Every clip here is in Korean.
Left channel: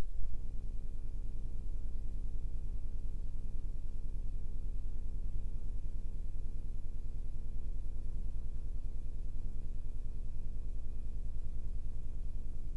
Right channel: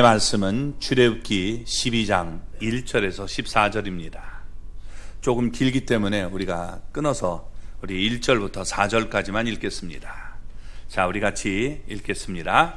말씀은 출애굽기 12장 1절에서 14절입니다. 조금 길기 때문에 우리가 끊어서 우리 1절부터 4절까지만 읽겠습니다. 자, 우리 같이 읽겠습니다.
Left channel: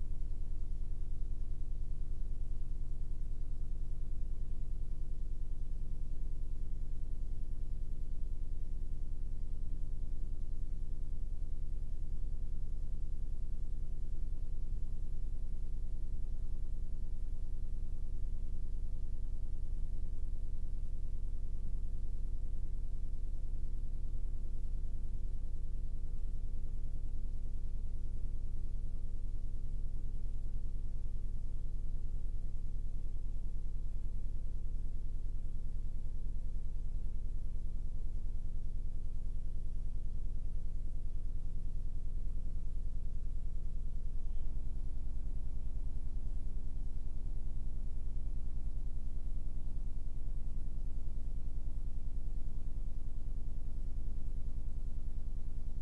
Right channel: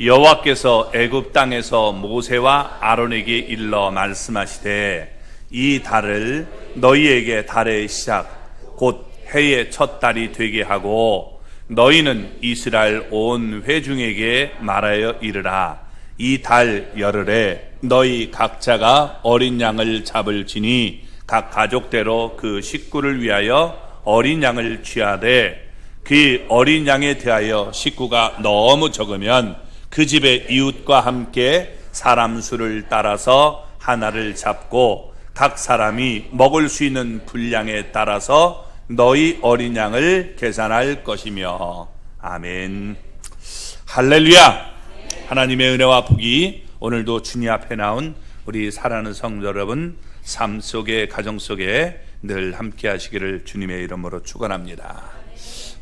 여호와께서 애굽 땅에서 모세와 아론에게 일러 말씀하시되 이 달을 너희에게 달의 시작 곧 해의 첫 달이 되게 하고 너희는 이스라엘 온 회중에게 말하여 이르라. 이 달 열흘에 너희 각자가 어린 양을 잡을지니 각 가족대로 그 식구를 위하여 어린 양을 취하되 그 어린 양에 대하여 식구가 너무 적으면 그 집의 이웃과 함께 사람 수를 따라서 하나를 잡고 각 사람이 먹을 수 있는 분량에 따라서 너희 어린 양을 계산할 것이며. 아멘. 할렐루야. 하나님의 은혜와 복이 오늘도 주님 앞에 나온 우리 사랑하는 성도 여러분 삶 속에 가정 속에 늘 함께 하시기를 주님의 이름으로 축원합니다.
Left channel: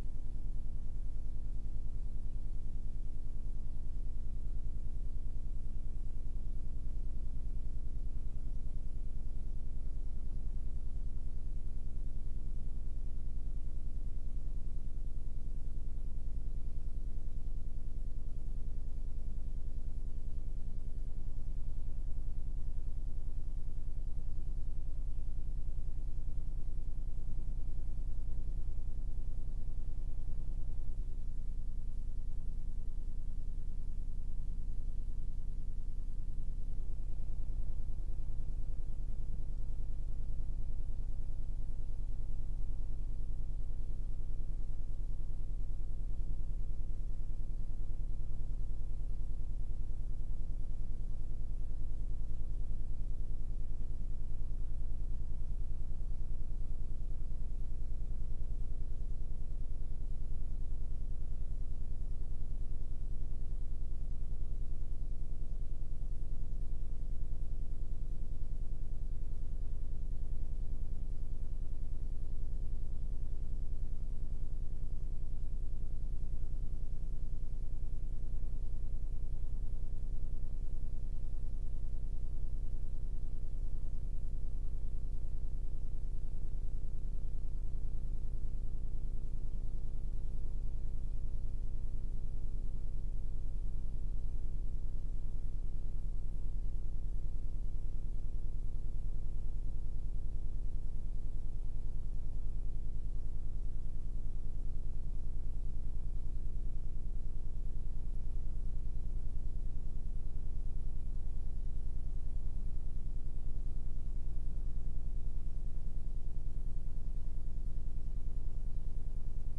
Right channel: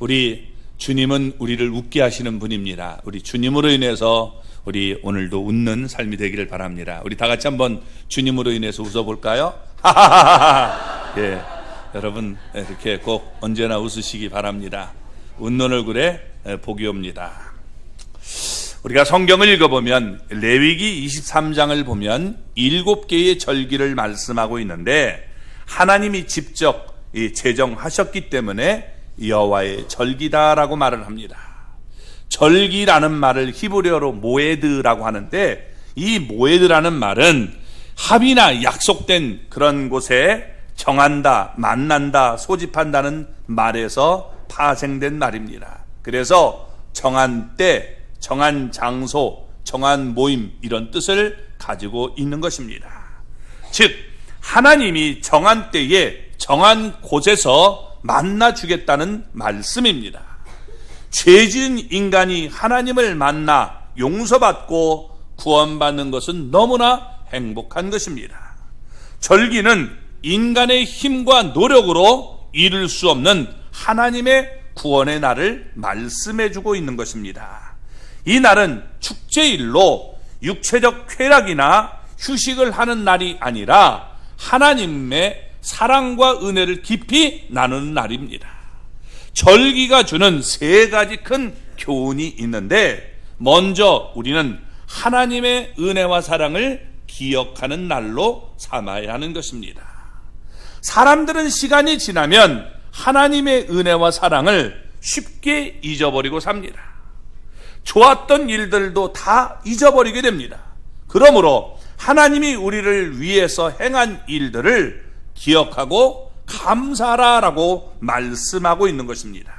우리 주님은 우리를 웃게 하시는 분입니다. 우리 주님으로 인해서 우리 오늘도 웃는 삶이 되기를 바랍니다. 우리 다 같이 한번 주님으로 인해서 웃어볼까요? 예, 여러분 이렇게 꼭 언제나 웃으시기 바랍니다. 웃는 얼굴에 복이 옵니다. 우리가 성경을 읽어보면 레위기 23장을 보면 7개의 절기를 말씀하고 있는데 하나님이 직접 제정하셨기 때문에 여호와의 절기다라고 말을 합니다. 절기라는 말을 히브리어로 모에드라고 하는데 이 모에드라는 말은 합의나 약속된 그런 곳에 정한다, 만난다, 소집한다는 말에서 파생된 말입니다. 그래서 정한 때, 정한 장소, 정한 모임 이런 뜻을 가지고 있는 것입니다. 즉 하나님이 정한 때에 정한 곳에서 만나 주겠다는 말씀입니다. 죄지은 인간이 하나님을 만나 용서받고 구원받는 것은 너무나 행복한 것입니다. 절기는 인간의 힘과 노력으로 이룰 수 없는 하나님의 구원의 날을 말씀해 주고 있는 것입니다. 이 날은 축제일로 육체적 쾌락이나 휴식을 하는 날이 아니라 하나님의 사랑과 은혜를 깊이 나누는 날입니다. 절기가 주는 세 가지 큰 교훈이 있는데 먼저 우리는 하나님의 은혜와 사랑을 기억하는 날로 삼아야 하는 것입니다. 사람들은 시간이 지나면 하나님의 은혜와 사랑을 쉽게 잊어버리고 삽니다. 좋았던 일들도 다 잊어버리게 됩니다. 그러므로 하나님이 우리를 위해서 행한 일들을 기억하고 감사하라라고 말씀하고 있는 것입니다.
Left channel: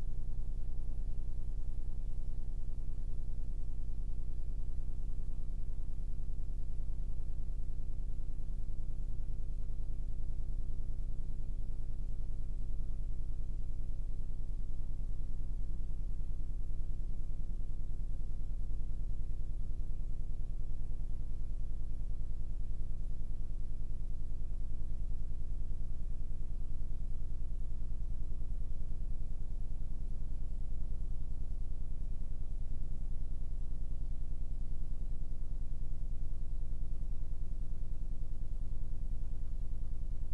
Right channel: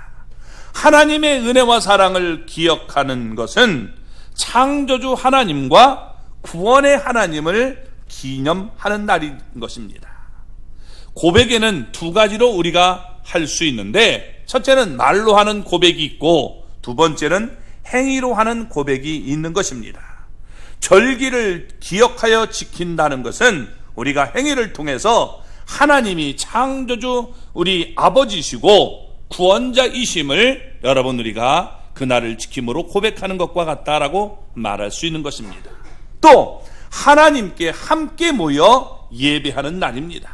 하나님의 은혜와 사랑을 기억하는 것은 창조주 하나님과 구원의 하나님을 기념하는 날인 것입니다. 고백에는 두 가지로 우리가 할 수 있는데 첫째는 말로 하는 고백이 있고 두 번째는 행위로 하는 고백이 있는 것입니다. 절기를 기억하여 지킨다는 것은 우리가 행위를 통해서 하나님이 창조주 우리 아버지시고 구원자이심을 여러분 우리가 그날을 지킴으로 고백하는 것과 같다라고 말할 수 있는 것입니다. 또 하나님께 함께 모여 예배하는 날입니다.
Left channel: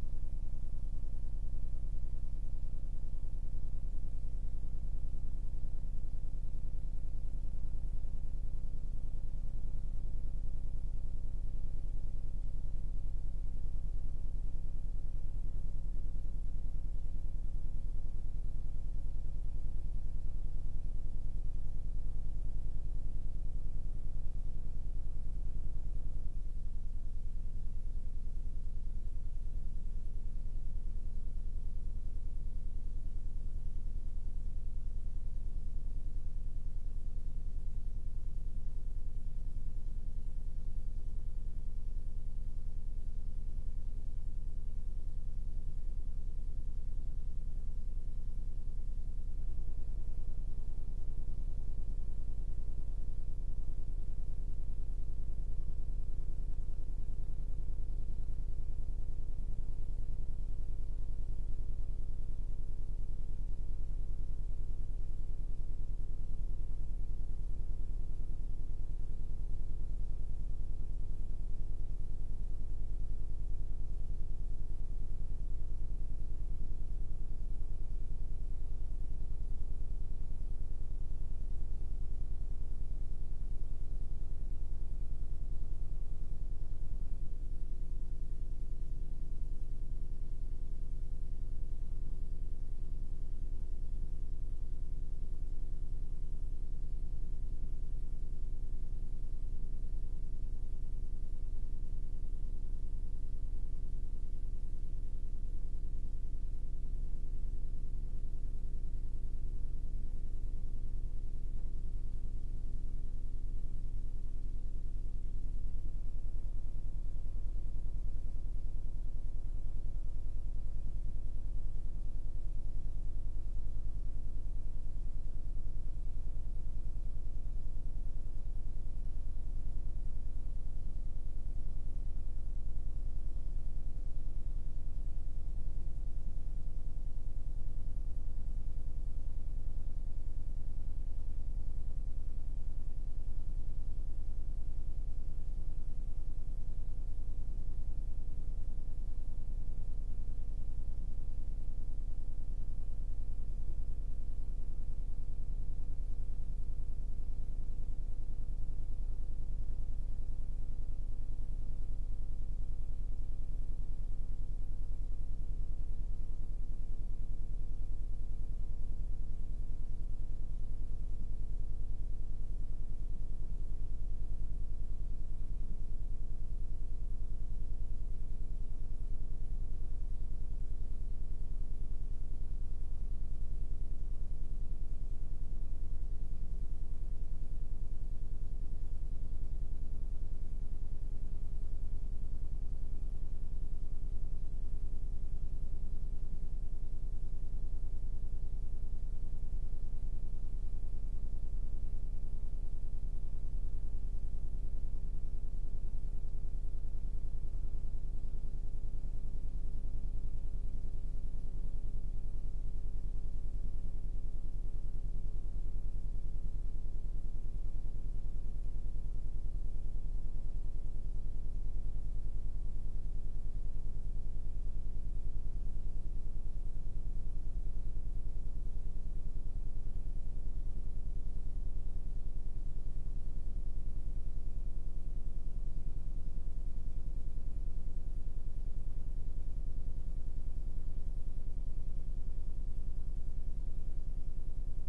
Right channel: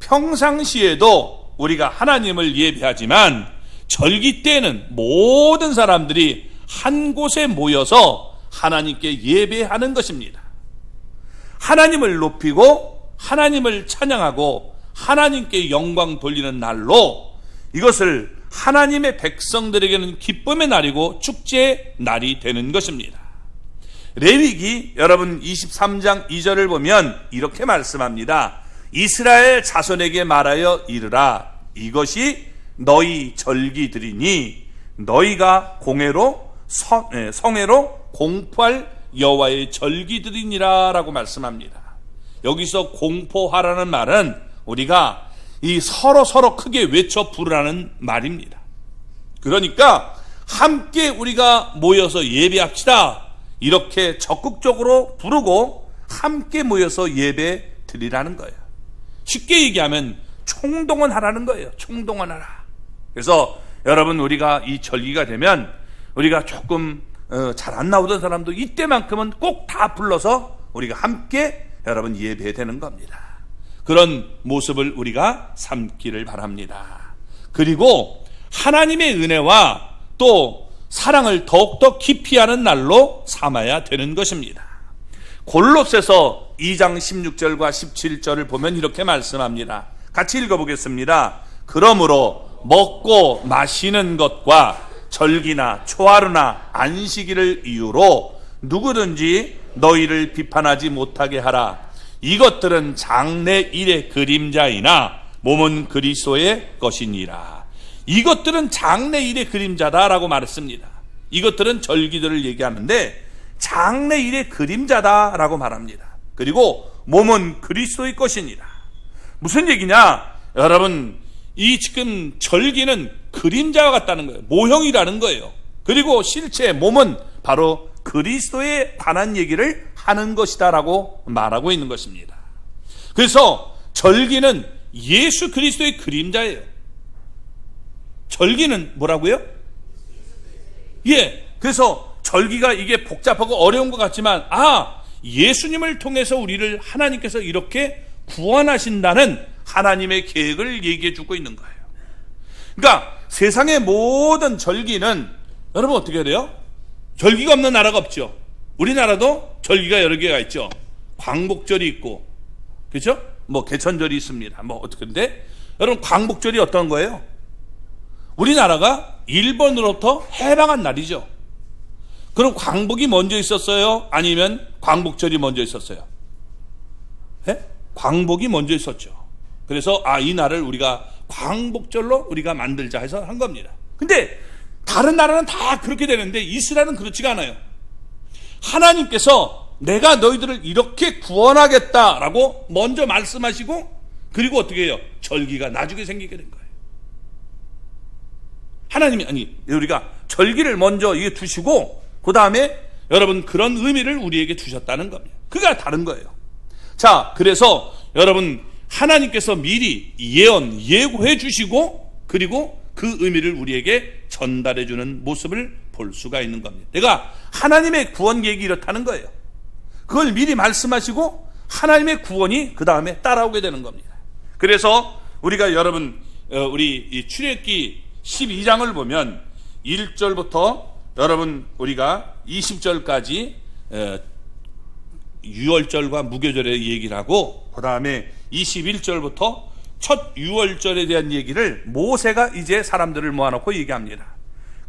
평상시에도 우리가 하나님을 예배하지만 절기 때에는 모든 사람들이 한 곳에 모여서 하나님께 예배하는 것입니다. 하나님을 높이고 하나님을 찬양하고 하나님께 영광 돌리는 날로 이것을 하나님의 백성들에게는 기쁨의 날이고 축제의 날이 되는 것입니다. 레위기 여러분 23장 2절을 보면 이렇게 말씀합니다. 이스라엘 자손에게 말하여 이르라. 이것이 너희 절기들이니 너희가 성회로 공포할 여호와의 절기들이니라 라고 말씀합니다. 여기서 공포하라는 말은 우리가 이 서로 크게 외쳐 부르라는 말입니다. 그러니까 함께 우리가 모여서 예배합시다 이렇게 적극적으로 부르고 함께 모여서 예배 드리라는 거예요. 쉽게 얘기하면 총동원하라는 거예요. 총동원하라. 그래서 여러분 우리가 이 절기가 되면 우리가 조금 잘 안 나오던 사람도 이때만큼은 꼭 다 불러서 우리가 함께 여러분 예배되는 겁니다. 그런 모습을 우리가 삼기를 바랍니다. 그리고 하나님의 은혜와 또 사랑을 더욱더 깊이 하는 날로 삼아야 되는 것입니다. 골로새서 2장 16절과 17절을 보면 이렇게 말씀합니다. 같이 읽어보겠습니다. 그러므로 먹고 마시는 것과 절기나 초하루나 안식일을 이유로 누구든지 너희를 비판하지 못하게 하라. 이것들은 장래일의 그림자이나 몸은 그리스도의 것이니라. 이것들은 장래일의 그림자다라고 말했습니다. 이것들은 절기들을 얘기하는데 장래일의 그림자다라고 말합니다. 그리고 몸은 그리스도의 것이니라. 무슨 얘기냐? 여러분, 이 지금 절기는 그림자와 같다는 거예요. 모형이라는 거예요. 그리고 실제 몸은 바로 그리스도에 관한 얘기를 하는 것이다라고 말하고 있는 것입니다. 그래서 절기는 예수 그리스도의 그림자예요. 절기는 뭐라고요? 그래서 절기가 이게 복잡하고 어려운 것 같지만 예수님을 통해서 우리를 하나님께서 이렇게 구원하신다는 하나님의 계획을 얘기해 주고 있는 거예요. 그러니까 세상의 모든 절기는 여러분 어떻게 해야 돼요? 절기가 없는 나라가 없죠. 우리나라도 절기가 여러 개가 있죠. 광복절이 있고, 그렇죠? 뭐 개천절이 있습니다. 뭐 어떻게인데 여러분 광복절이 어떤 거예요? 우리나라가 일본으로부터 해방한 날이죠. 그럼 광복이 먼저 있었어요? 아니면 광복절이 먼저 있었어요? 광복이 먼저 있었죠. 그래서 이 날을 우리가 광복절로 우리가 만들자 해서 한 겁니다. 근데 다른 나라는 다 그렇게 되는데 이스라엘은 그렇지가 않아요. 하나님께서 내가 너희들을 이렇게 구원하겠다라고 먼저 말씀하시고, 그리고 어떻게 해요? 절기가 나중에 생기게 된 거예요. 하나님이 우리가 절기를 먼저 이게 두시고 그 다음에 여러분 그런 의미를 우리에게 주셨다는 겁니다. 그가 다른 거예요. 자, 그래서 여러분 하나님께서 미리 예고해 주시고 그리고 그 의미를 우리에게 전달해 주는 모습을 볼 수가 있는 겁니다. 내가 하나님의 구원 계획이 이렇다는 거예요. 그걸 미리 말씀하시고 하나님의 구원이 그 다음에 따라오게 되는 겁니다. 그래서 우리가 여러분 우리 이 출애굽기 12장을 보면 1절부터 여러분 우리가 20절까지 유월절과 무교절의 얘기를 하고, 그 다음에 21절부터 첫 유월절에 대한 얘기를 모세가 이제 사람들을 모아놓고 얘기합니다.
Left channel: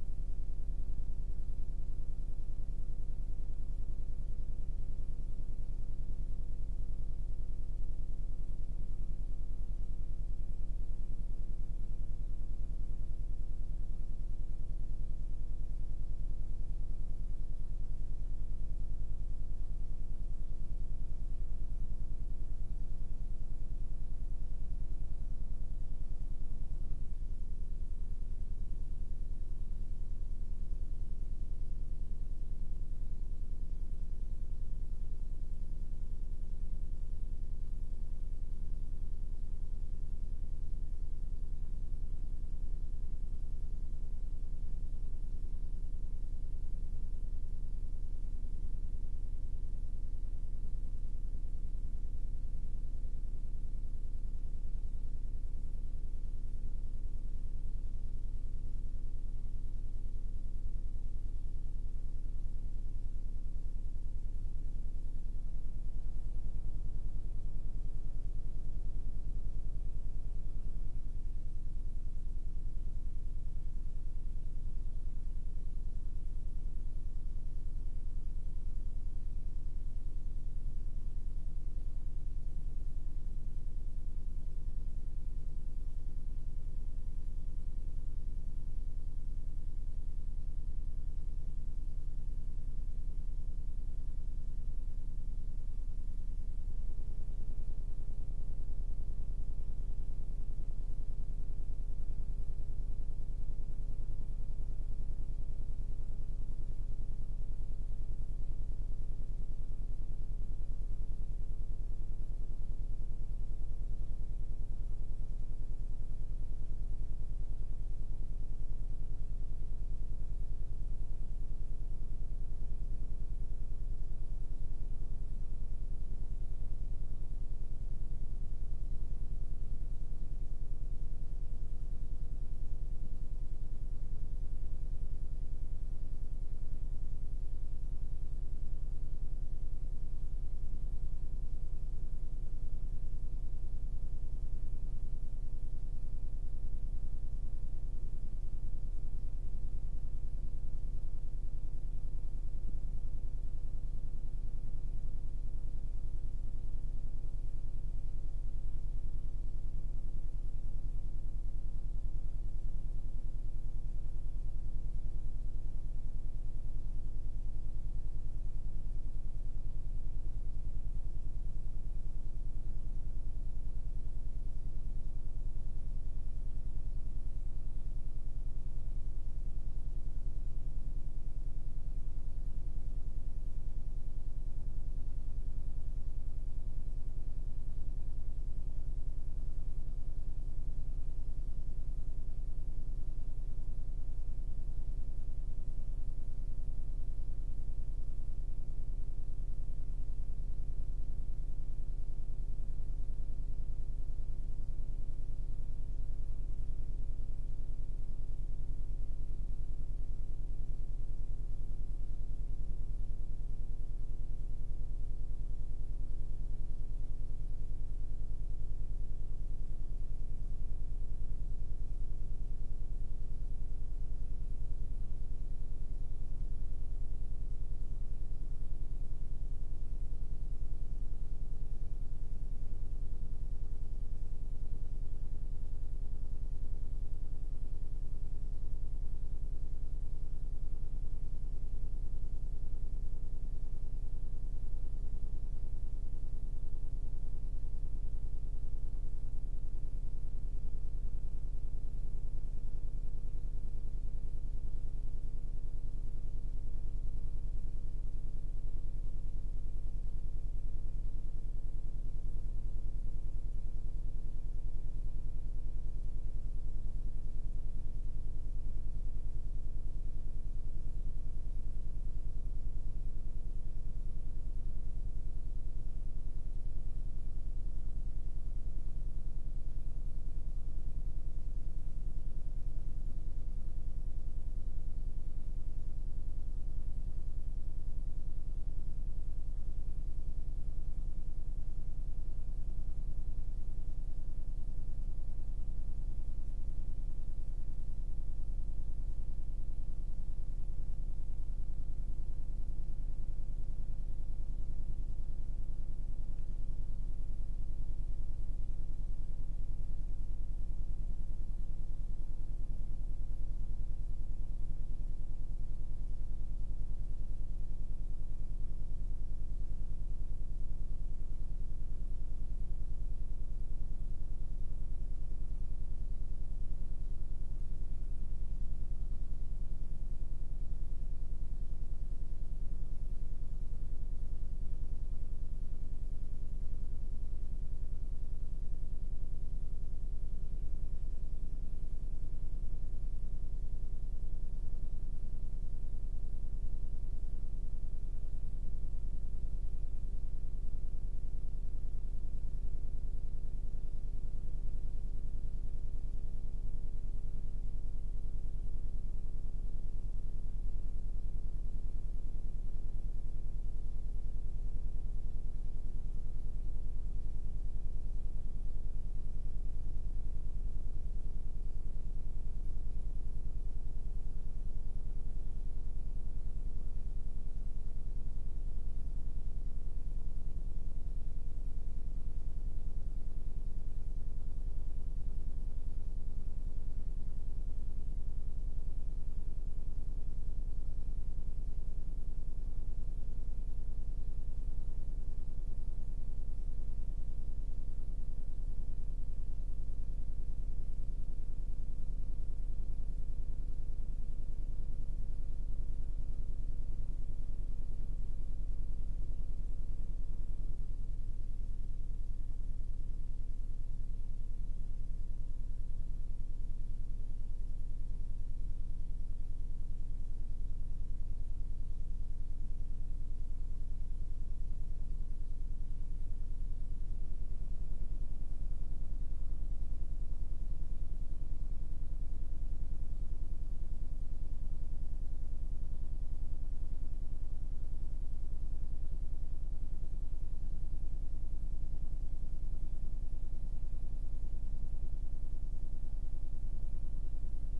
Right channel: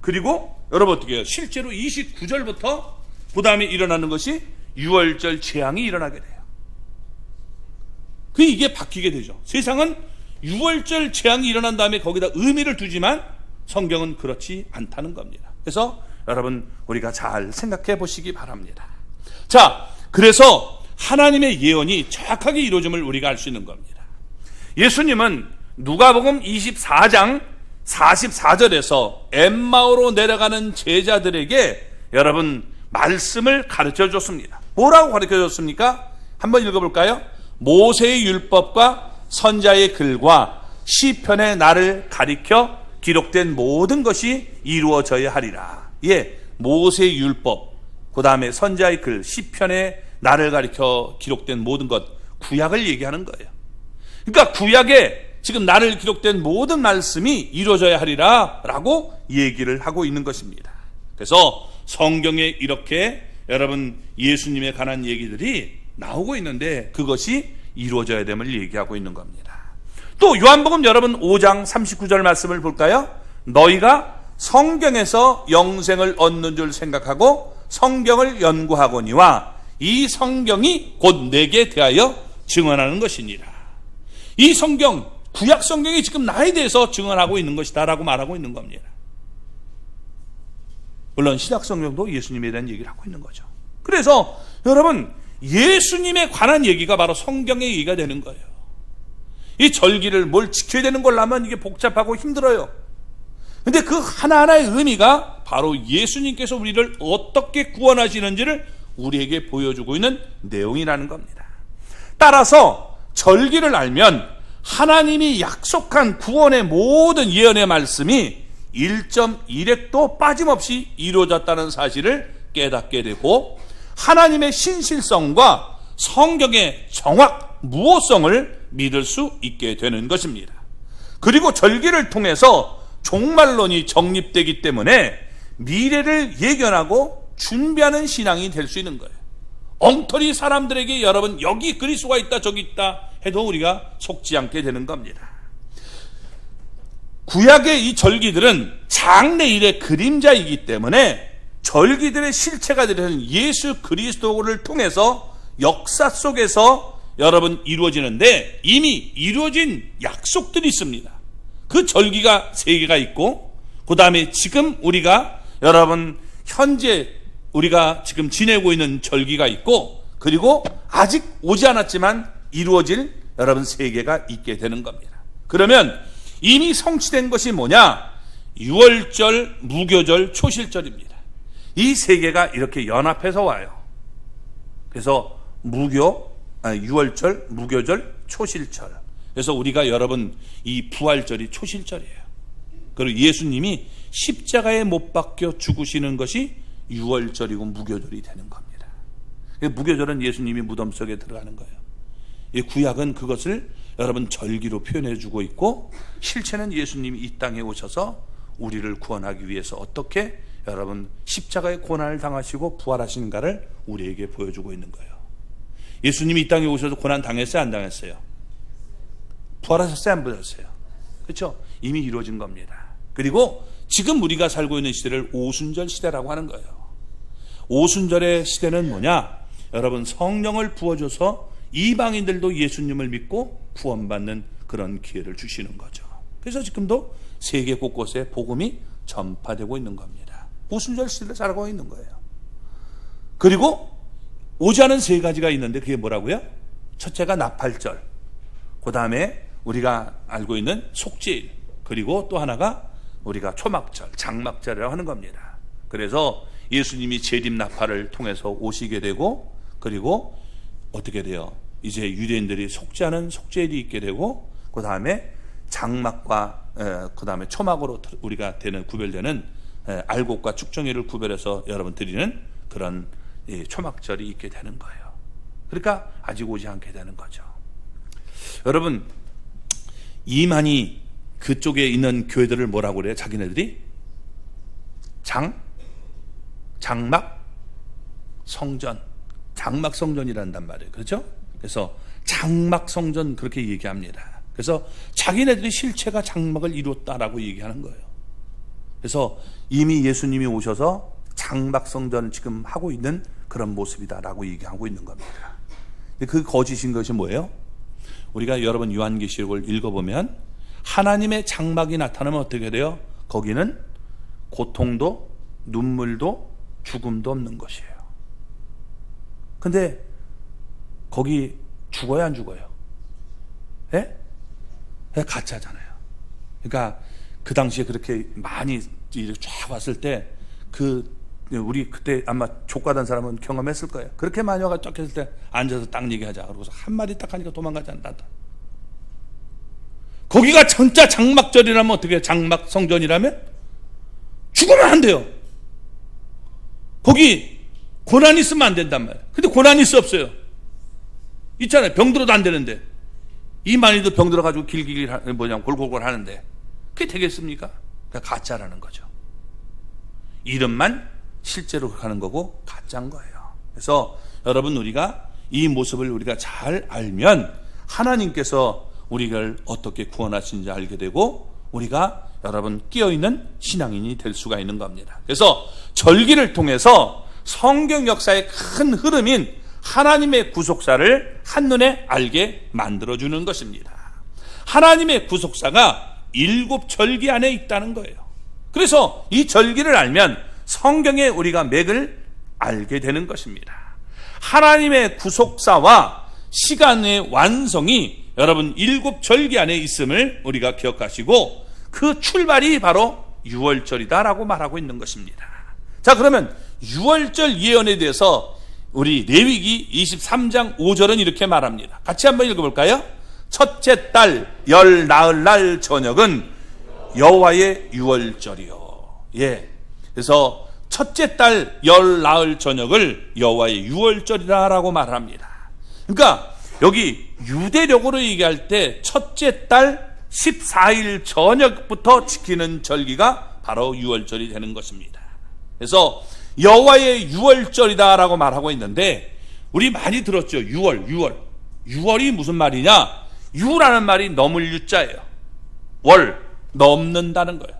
그리고 여러분 어떻게 해요? 실제로 29절부터 그 다음에 일어나는 것이 유월절 재앙이 일어나게 돼요. 이게 바뀌게 되죠. 세상은 유월절 재앙이 일어난 다음에 거기다 의미를 두지만 성경은 그렇지 않다는 겁니다. 그래서 여러분 우리가 잘 생각해 보시기 바랍니다. 자, 그래서 하나님의 예언이 정확하게 이루어짐을 우리가 알 수 있는 겁니다. 예수님은 누가복음 24장 44절에서 엠마오로 내려가는 제자들에게 여러분 말씀을 가르쳐 줬습니다. 뭐라고 가르쳐 줬습니까? 한번 읽어볼까요? 모세의 율법과 선자의 글과 시편의 나를 가리켜 기록된 모든 것이 이루어져야 하리라. 모세의 율법, 그 다음에 선자의 글, 시편의 나를 가리켜 기록된 모든 것, 구약을 얘기하는 거예요. 그러니까 구약에 지금 나를 기록된 모든 말씀이 이루어져야 하리라 라고 얘기를 하고 있는 것입니다. 그래서 성경에 이렇게 여러분 예수님에 관한 얘기들이 나오고 있는데 그것이 이루어져야 됨을 얘기하고 있는 겁니다. 또 요한복음 여러분 5장 39절 말씀을 볼까요? 너희가 성경에서 영생을 얻는 줄 생각하고 성경을 연구하거니와 이 성경이 곧 내게 대하여 증언하는 것이니라. 이 성경, 구약 성경이 지금 나에 대해서 증언하고 있는 것이다 라고 말하고 있는 겁니다. 물론 신약 성경도 예수님에 대한 얘기를 하고 있는 거죠. 그래서 여러분 예수님에 관한 얘기가 바로 성경의 얘기가 되는 거예요. 이 절기를 뭘 지켜야 되는 걸 하면 이게 복잡하고 힘들어요. 근데 그 하나하나의 의미가 바로 예수님께서 우리를 어떻게 구원하시는지를 우리에게 보여주고 있는 내용이라는 겁니다. 따라서 절기를 알면 하나님이 약속한 구원의 모든 예언의 말씀이 1.1획도 빠짐없이 이루어졌다는 사실을 깨닫게 되고, 하나님의 신실성과 성경의 정확 무오성을 믿을 수 있게 되는 것입니다. 그리고 절기를 통해서 종말론이 정립되기 때문에 미래를 예견하고 준비하는 신앙이 될 수 있는 거예요. 엉터리 사람들에게 여러분 여기 그리스도가 있다 저기 있다 해도 우리가 속지 않게 되는 겁니다. 구약의 이 절기들은 장래일의 그림자이기 때문에 절기들의 실체가 되는 예수 그리스도를 통해서 역사 속에서 여러분 이루어지는데, 이미 이루어진 약속들이 있습니다. 그 절기가 3개가 있고, 그 다음에 지금 우리가 여러분 현재 우리가 지금 지내고 있는 절기가 있고, 그리고 아직 오지 않았지만 이루어질 여러분 3개가 있게 되는 겁니다. 그러면 이미 성취된 것이 뭐냐? 유월절, 무교절, 초실절입니다. 이 3개가 이렇게 연합해서 와요. 그래서 유월절, 무교절, 초실절. 그래서 우리가 여러분 이 부활절이 초실절이에요. 그리고 예수님이 십자가에 못 박혀 죽으시는 것이 유월절이고 무교절이 되는 겁니다. 무교절은 예수님이 무덤 속에 들어가는 거예요. 이 구약은 그것을 여러분 절기로 표현해 주고 있고, 실체는 예수님이 이 땅에 오셔서 우리를 구원하기 위해서 어떻게 여러분 십자가의 고난을 당하시고 부활하시는가를 우리에게 보여주고 있는 거예요. 예수님이 이 땅에 오셔서 고난 당했어요, 안 당했어요? 부활하셨어요, 안 부활하셨어요? 그렇죠? 이미 이루어진 겁니다. 그리고 지금 우리가 살고 있는 시대를 오순절 시대라고 하는 거예요. 오순절의 시대는 뭐냐? 여러분 성령을 부어줘서 이방인들도 예수님을 믿고 구원받는 그런 기회를 주시는 거죠. 그래서 지금도 세계 곳곳에 복음이 전파되고 있는 겁니다. 오순절 시대를 살아가고 있는 거예요. 그리고 오지 않은 3가지가 있는데 그게 뭐라고요? 첫째가 나팔절, 그 다음에 우리가 알고 있는 속죄일, 그리고 또 하나가 우리가 초막절, 장막절이라고 하는 겁니다. 그래서 예수님이 재림 나팔을 통해서 오시게 되고, 그리고 어떻게 돼요? 이제 유대인들이 속죄하는 속죄일이 있게 되고, 그 다음에 장막과 그 다음에 초막으로 우리가 되는 구별되는 알곡과 축정일을 구별해서 여러분 드리는 그런 초막절이 있게 되는 거예요. 그러니까 아직 오지 않게 되는 거죠. 여러분, 이만희 그쪽에 있는 교회들을 뭐라고 그래요? 자기네들이 장막 성전, 장막 성전이란단 말이에요. 그렇죠? 그래서 장막 성전 그렇게 얘기합니다. 그래서 자기네들이 실체가 장막을 이뤘다라고 얘기하는 거예요. 그래서 이미 예수님이 오셔서 장막 성전을 지금 하고 있는 그런 모습이다라고 얘기하고 있는 겁니다. 그 거짓인 것이 뭐예요? 우리가 여러분 요한계시록을 읽어보면 하나님의 장막이 나타나면 어떻게 돼요? 거기는 고통도 눈물도 죽음도 없는 것이에요. 근데 거기 죽어요, 안 죽어요? 예? 가짜잖아요. 그러니까 그 당시에 그렇게 많이 쫙 왔을 때 우리 그때 아마 족가던 사람은 경험했을 거예요. 그렇게 많이 와가 쫙 했을 때 앉아서 딱 얘기하자. 그러고서 한마디 딱 하니까 도망가지 않는다. 거기가 진짜 장막절이라면 어떻게 해요? 장막 성전이라면 죽으면 안 돼요. 거기 고난이 있으면 안 된단 말이에요. 근데 고난이 있어 없어요? 있잖아요. 병들어도 안 되는데, 이 많이도 병들어가지고 골골골 하는데 그게 되겠습니까? 그러니까 가짜라는 거죠. 이름만 실제로 가는 거고 가짜인 거예요. 그래서 여러분, 우리가 이 모습을 우리가 잘 알면 하나님께서 우리를 어떻게 구원하시는지 알게 되고, 우리가 여러분 끼어있는 신앙인이 될 수가 있는 겁니다. 그래서 절기를 통해서 성경 역사의 큰 흐름인 하나님의 구속사를 한눈에 알게 만들어주는 것입니다. 하나님의 구속사가 7절기 안에 있다는 거예요. 그래서 이 절기를 알면 성경에 우리가 맥을 알게 되는 것입니다. 하나님의 구속사와 시간의 완성이 여러분 7절기 안에 있음을 우리가 기억하시고, 그 출발이 바로 유월절이다라고 말하고 있는 것입니다. 자, 그러면 유월절 예언에 대해서 우리 레위기 23장 5절은 이렇게 말합니다. 같이 한번 읽어볼까요? 첫째 달 열 나흘 날 저녁은 여호와의 유월절이요. 예. 그래서 첫째 달 열 나흘 저녁을 여호와의 유월절이라고 말합니다. 그러니까 여기 유대력으로 얘기할 때 첫째 달 14일 저녁부터 지키는 절기가 바로 유월절이 되는 것입니다. 그래서 여호와의 유월절이다라고 말하고 있는데, 우리 많이 들었죠. 유월이 무슨 말이냐? 유라는 말이 넘을 유자예요. 월, 넘는다는 거예요.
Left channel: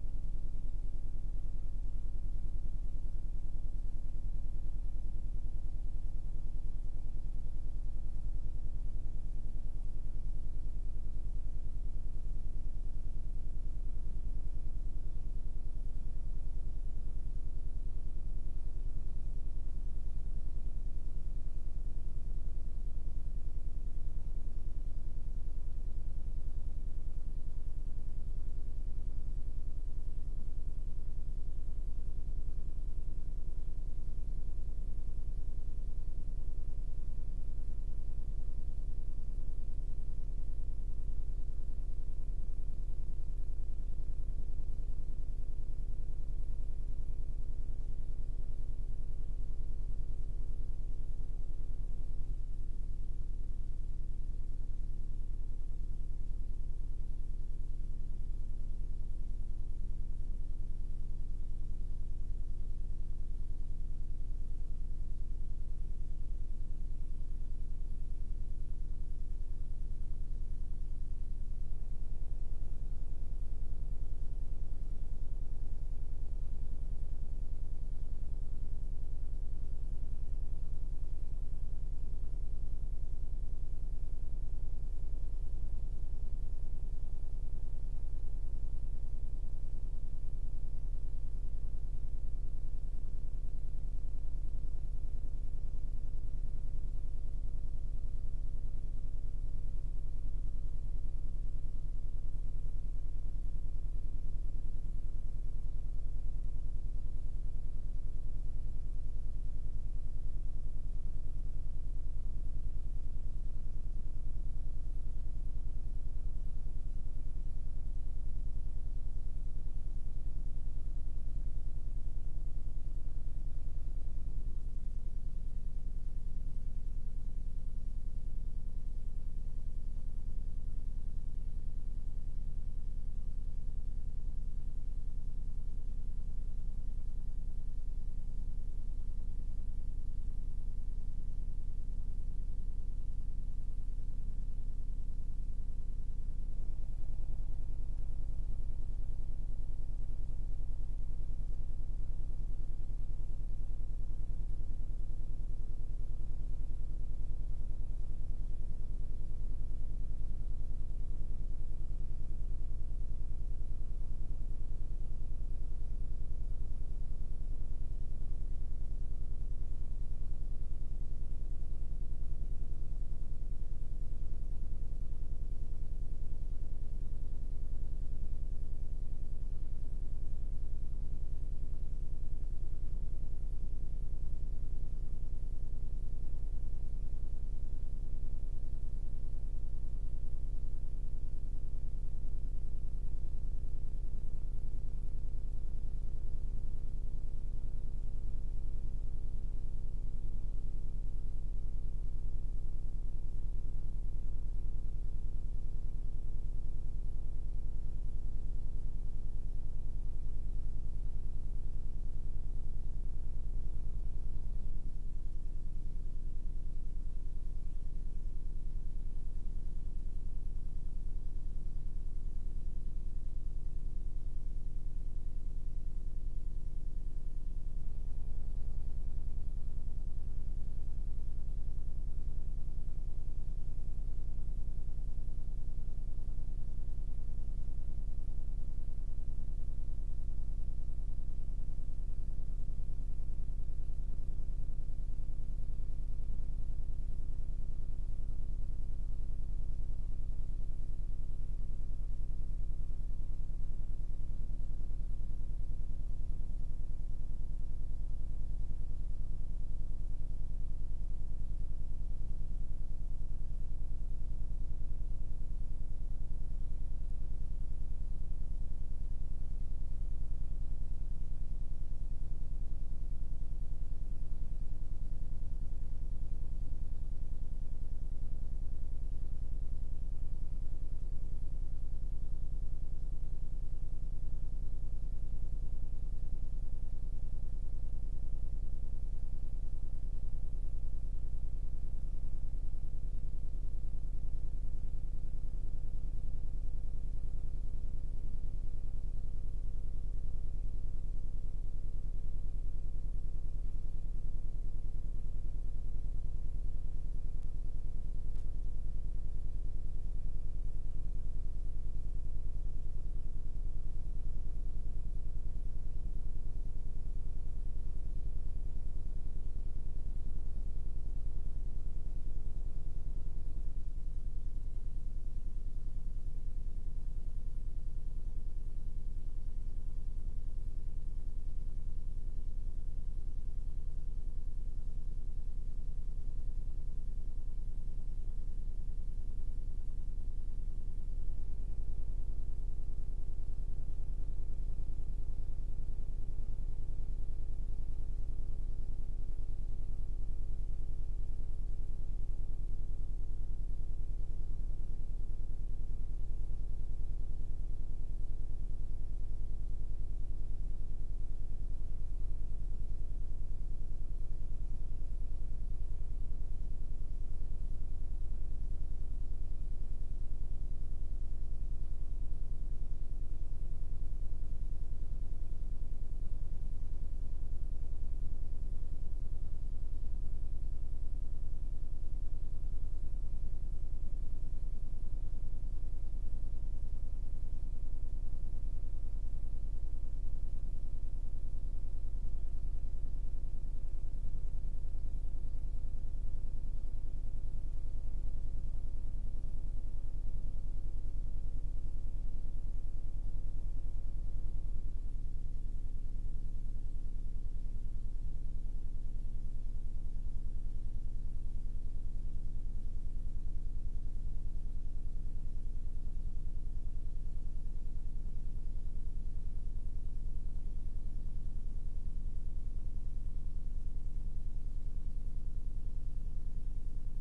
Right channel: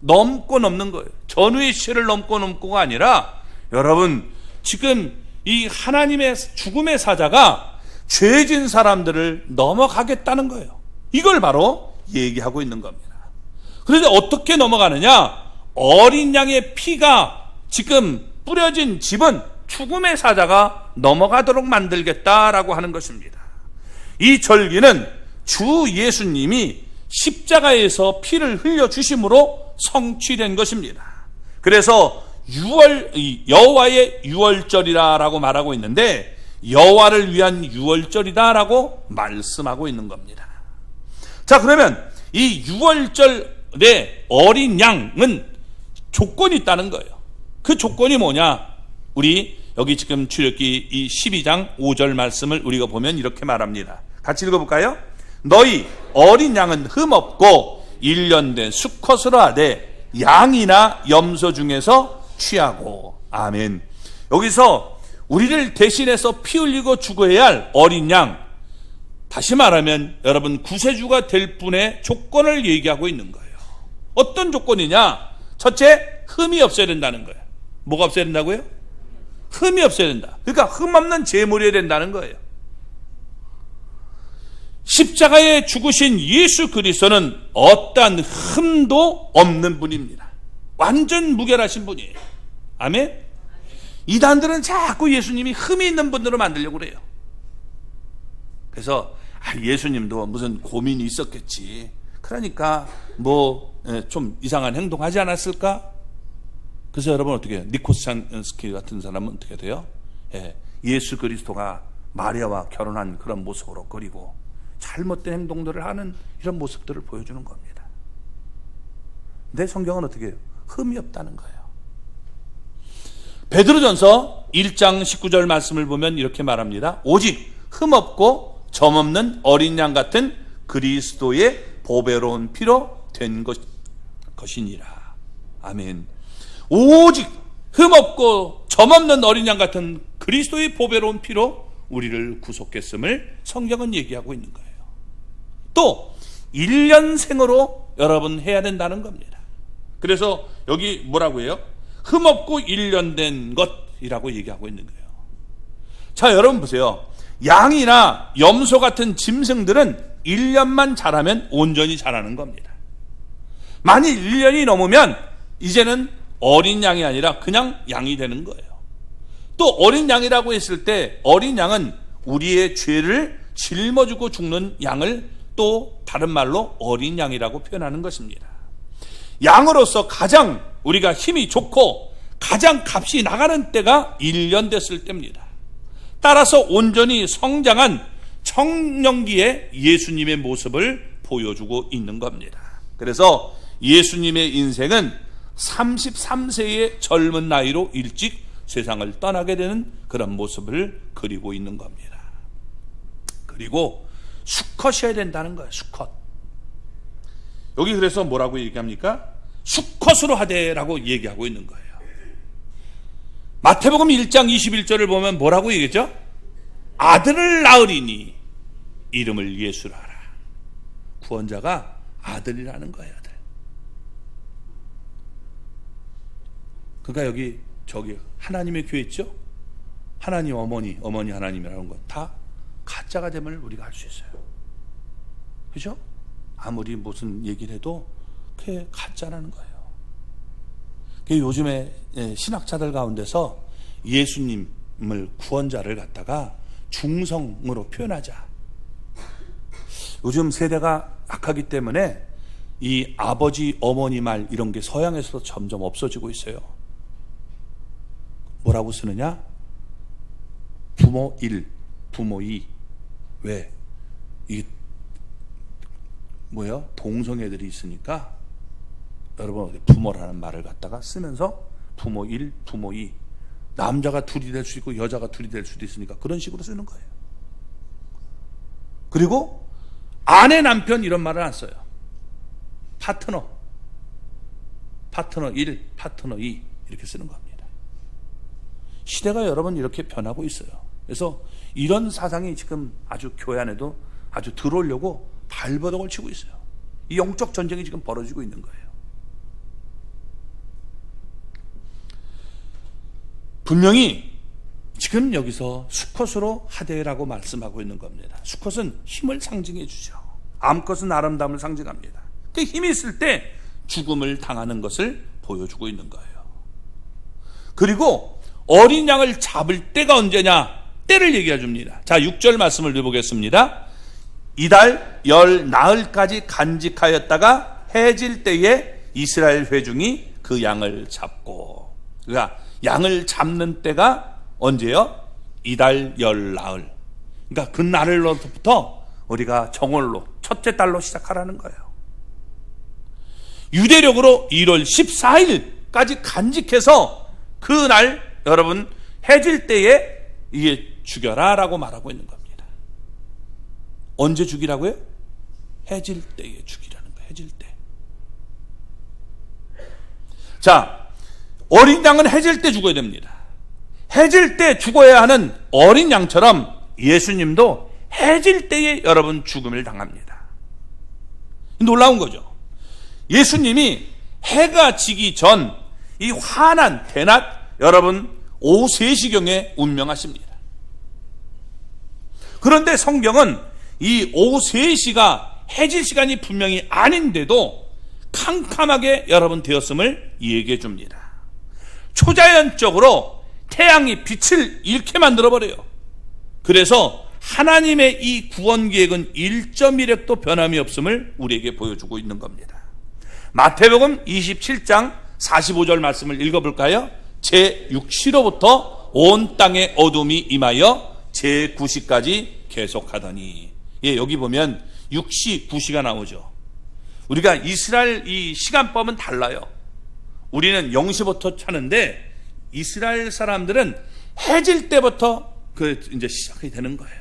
넘고 넘는 거예요. 전후의 시를 넘고가 아니라, 여러분 지금 이 하나님의 죽음의 사자가 죄진 사람들을 넘어가겠다는 거예요. 이걸 바로 얘기하고 있는 겁니다. 그런데 어떻게 넘어가느냐? 어린 양의 피가 지금 뿌려진 집은 죽음의 사자가 넘어가도록 만들겠다라고 하는 것입니다. 이 절기는 주 예수님이 십자가에서 피를 흘려주심으로 성취된 것입니다. 그래서 여호와의 유월절이라고 말하고 있는데, 여호와를 위한 유월절이다라고 말씀하고 있는 겁니다. 자, 그러면 이 유월절의 어린 양은 조건이 있다는 거예요. 그 조건이 뭐냐? 우리 여기 지금 출애굽기 이 12장 5절 말씀을 우리가 보면 이렇게 말합니다. 같이 읽어볼까요? 너희 어린 양은 흠없고 1년 된 수컷으로 하되 양이나 염소 중에서 취하고. 아멘. 여기서 우리를 대신해서 피 흘리고 죽어야 할 어린 양, 다시 말하면 여러분 구세주가 될 분의 조건을 얘기하고 있는 거예요. 어떤 조건이냐? 첫째, 흠이 없어야 된다는 거예요. 뭐가 없어야 된다고요? 흠이 없어야 된다. 그러니까 흠 없는 제물이어야 된다는 거예요. 십자가에 죽으신 예수 그리스도는 어떠한 흠도 없는 분입니다. 완전 무결하신 분이에요. 아멘. 이단들은 자꾸 예수님이 흠이 있는 분으로 만들려고 그래요. 그래서 예수님도 무슨 고민이 있었겠지. 그러니까 뭐 좀 이상한 행동하지 않았을까? 그래서 여러분 어떻게 해요? 니코스찬스키 같은 사람은 어떻게 돼요? 예수 그리스도가 마리아와 결혼한 그런 모습으로 그리고 잘못된 행동들을 하는 이런 모습들을 보여주는 겁니다. 근데 성경은 어떻게 해요? 흠이 없다는 거예요. 베드로전서 1장 19절 말씀을 보면 이렇게 말합니다. 오직 흠없고 점없는 어린 양 같은 그리스도의 보배로운 피로 된 것이니라. 아멘. 오직 흠없고 점없는 어린 양 같은 그리스도의 보배로운 피로 우리를 구속했음을 성경은 얘기하고 있는 거예요. 또 1년생으로 여러분 해야 된다는 겁니다. 그래서 여기 뭐라고 해요? 흠없고 1년 된 것이라고 얘기하고 있는 거예요. 자, 여러분 보세요. 양이나 염소 같은 짐승들은 1년만 자라면 온전히 자라는 겁니다. 만일 1년이 넘으면 이제는 어린 양이 아니라 그냥 양이 되는 거예요. 또 어린 양이라고 했을 때 어린 양은 우리의 죄를 짊어지고 죽는 양을 또 다른 말로 어린 양이라고 표현하는 것입니다. 양으로서 가장 우리가 힘이 좋고 가장 값이 나가는 때가 1년 됐을 때입니다. 따라서 온전히 성장한 청년기에 예수님의 모습을 보여주고 있는 겁니다. 그래서 예수님의 인생은 33세의 젊은 나이로 일찍 세상을 떠나게 되는 그런 모습을 그리고 있는 겁니다. 그리고 수컷이어야 된다는 거예요. 수컷. 여기 그래서 뭐라고 얘기합니까? 수컷으로 하되라고 얘기하고 있는 거예요. 마태복음 1장 21절을 보면 뭐라고 얘기했죠? 아들을 낳으리니 이름을 예수라 하라. 구원자가 아들이라는 거예요. 아들. 그러니까 여기 저기 하나님의 교회 있죠? 하나님 어머니 하나님이라는 건 다 가짜가 됨을 우리가 알 수 있어요. 그죠? 아무리 무슨 얘기를 해도 그게 가짜라는 거예요. 요즘에 신학자들 가운데서 예수님을 구원자를 갖다가 중성으로 표현하자. 요즘 세대가 악하기 때문에 이 아버지 어머니 말 이런 게 서양에서도 점점 없어지고 있어요. 뭐라고 쓰느냐? 부모 1, 부모 2. 왜? 이 동성애들이 있으니까 여러분 부모라는 말을 갖다가 쓰면서 부모 1, 부모 2, 남자가 둘이 될 수 있고 여자가 둘이 될 수도 있으니까 그런 식으로 쓰는 거예요. 그리고 아내, 남편 이런 말을 안 써요. 파트너 1, 파트너 2 이렇게 쓰는 겁니다. 시대가 여러분 이렇게 변하고 있어요. 그래서 이런 사상이 지금 아주 교회 안에도 아주 들어오려고 발버둥을 치고 있어요. 이 영적 전쟁이 지금 벌어지고 있는 거예요. 분명히 지금 여기서 수컷으로 하되라고 말씀하고 있는 겁니다. 수컷은 힘을 상징해 주죠. 암컷은 아름다움을 상징합니다. 그 힘이 있을 때 죽음을 당하는 것을 보여주고 있는 거예요. 그리고 어린 양을 잡을 때가 언제냐? 때를 얘기해 줍니다. 자, 6절 말씀을 읽어보겠습니다. 이달 열 나흘까지 간직하였다가 해질 때에 이스라엘 회중이 그 양을 잡고, 그러니까 양을 잡는 때가 언제요? 이달 열 나흘. 그러니까 그 날로부터 우리가 정월로 첫째 달로 시작하라는 거예요. 유대력으로 1월 14일까지 간직해서 그 날 여러분 해질 때에 이게 죽여라 라고 말하고 있는 겁니다. 언제 죽이라고요? 해질 때에 죽이라는 거예요. 해질 때. 자, 어린 양은 해질 때 죽어야 됩니다. 해질 때 죽어야 하는 어린 양처럼 예수님도 해질 때에 여러분 죽음을 당합니다. 놀라운 거죠. 예수님이 해가 지기 전 이 환한 대낮 여러분 오후 3시경에 운명하십니다. 그런데 성경은 이 오후 3시가 해질 시간이 분명히 아닌데도 캄캄하게 여러분 되었음을 얘기해 줍니다. 초자연적으로 태양이 빛을 잃게 만들어버려요. 그래서 하나님의 이 구원 계획은 1.1획도 변함이 없음을 우리에게 보여주고 있는 겁니다. 마태복음 27장 45절 말씀을 읽어볼까요? 제6시로부터 온 땅에 어둠이 임하여 제9시까지 계속하더니. 예, 여기 보면 6시, 9시가 나오죠. 우리가 이스라엘 이 시간법은 달라요. 우리는 0시부터 차는데 이스라엘 사람들은 해질 때부터 이제 시작이 되는 거예요.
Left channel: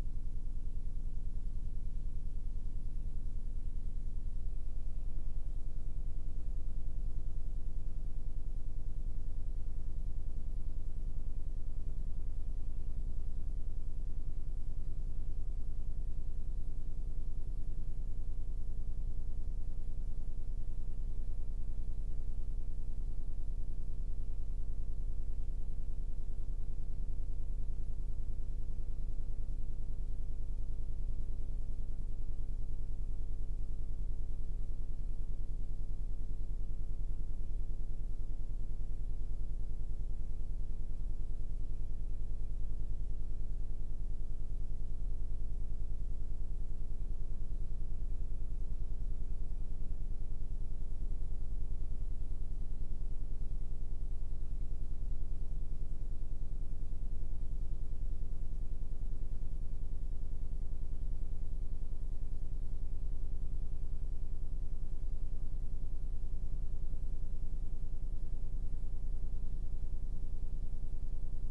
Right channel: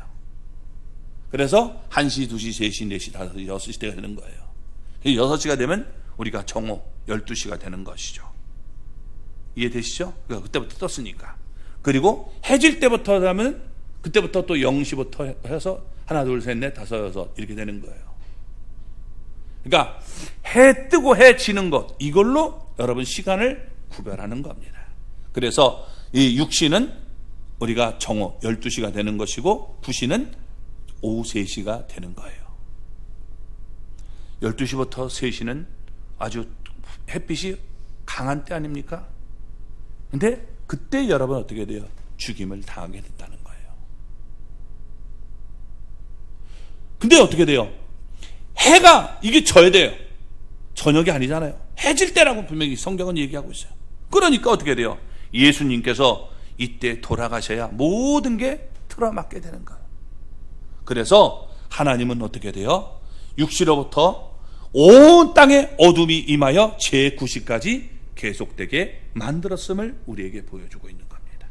그래서 1시, 2시, 3시, 4시, 5시, 6시가 되는 거예요. 6시가 되면 우리가 정오 12시가 되는 것이죠. 이해되시죠? 그때부터 떴으니까. 그리고 해질 때부터 하면 그때부터 또 0시부터 해서 하나, 둘, 셋, 넷, 다섯, 여섯 이렇게 되는 거예요. 그러니까 해 뜨고 해 지는 것, 이걸로 여러분 시간을 구별하는 겁니다. 그래서 이 6시는 우리가 정오 12시가 되는 것이고 9시는 오후 3시가 되는 거예요. 12시부터 3시는 아주 햇빛이 강한 때 아닙니까? 근데 그때 여러분 어떻게 돼요? 죽임을 당하게 된다는 거예요. 근데 어떻게 돼요? 해가 이게 져야 돼요. 저녁이 아니잖아요. 해질 때라고 분명히 성경은 얘기하고 있어요. 그러니까 어떻게 돼요? 예수님께서 이때 돌아가셔야 모든 게 틀어맞게 되는 거예요. 그래서 하나님은 어떻게 돼요? 6시로부터 온 땅에 어둠이 임하여 제9시까지 계속되게 만들었음을 우리에게 보여주고 있는 겁니다.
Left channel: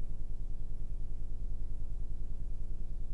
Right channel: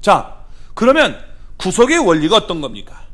자, 그러면 구속의 원리가 어떤 겁니까?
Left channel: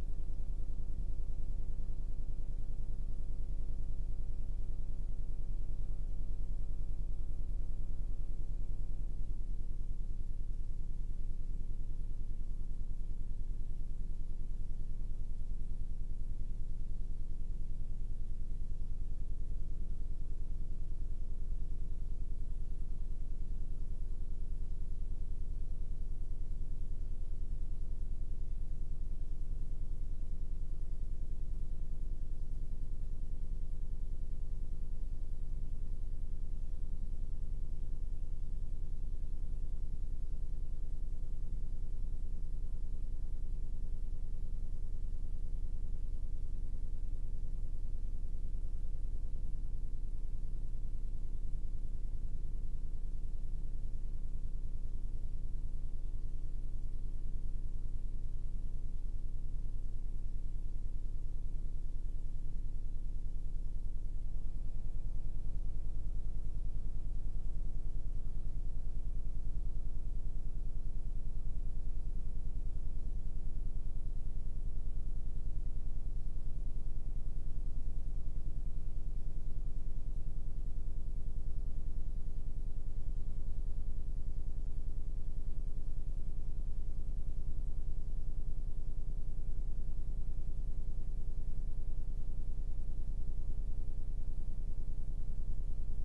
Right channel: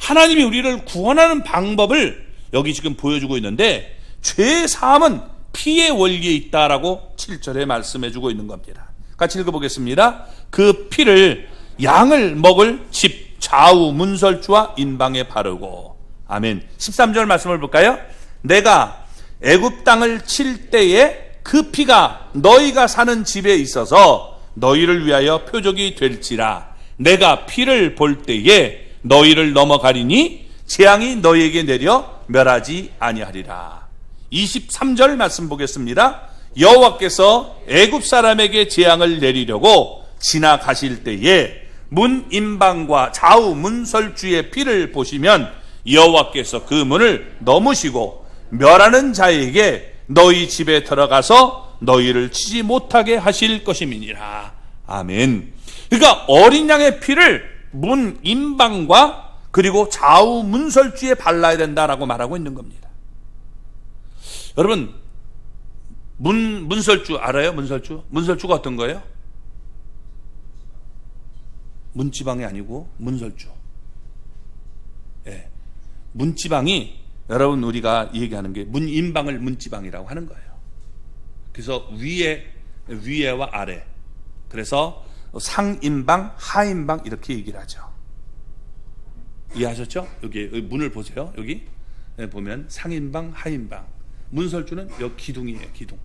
하나님이 우리를 구원하는 방법을 여기 지금 보여주고 있는데, 죄 사함은 피의 원리에 있다라고 7절에 말씀해주고 있는 겁니다. 같이 읽어보겠습니다. 그 피를 양을 먹을 집 좌우 문설주와 인방에 바르고. 아멘. 13절 말씀을 볼까요? 내가 애굽 땅을 칠 때에 그 피가 너희가 사는 집에 있어서 너희를 위하여 표적이 될지라. 내가 피를 볼 때에 너희를 넘어가리니 재앙이 너희에게 내려 멸하지 아니하리라. 23절 말씀 보겠습니다. 여호와께서 애굽 사람에게 재앙을 내리려고 지나가실 때에 문 인방과 좌우 문설주의 피를 보시면 여호와께서 그 문을 넘으시고 멸하는 자에게 너희 집에 들어가서 너희를 치지 못하게 하실 것임이니라. 아멘. 그러니까 어린 양의 피를 문 인방과 그리고 좌우 문설주에 발라야 된다라고 말하고 있는 겁니다. 여러분, 문설주 알아요? 문설주가 어떤 거예요? 문지방이 아니고 문설주. 예. 문지방이, 여러분, 우리가 얘기하는 게 문인방을 문지방이라고 하는 거예요. 그래서 위에와 아래, 그래서 상인방, 하인방 이렇게 얘기를 하죠. 이해하셨죠? 여기 문을 보세요. 여기 보면 상인방, 하인방. 문설주는 여기 기둥이에요. 기둥.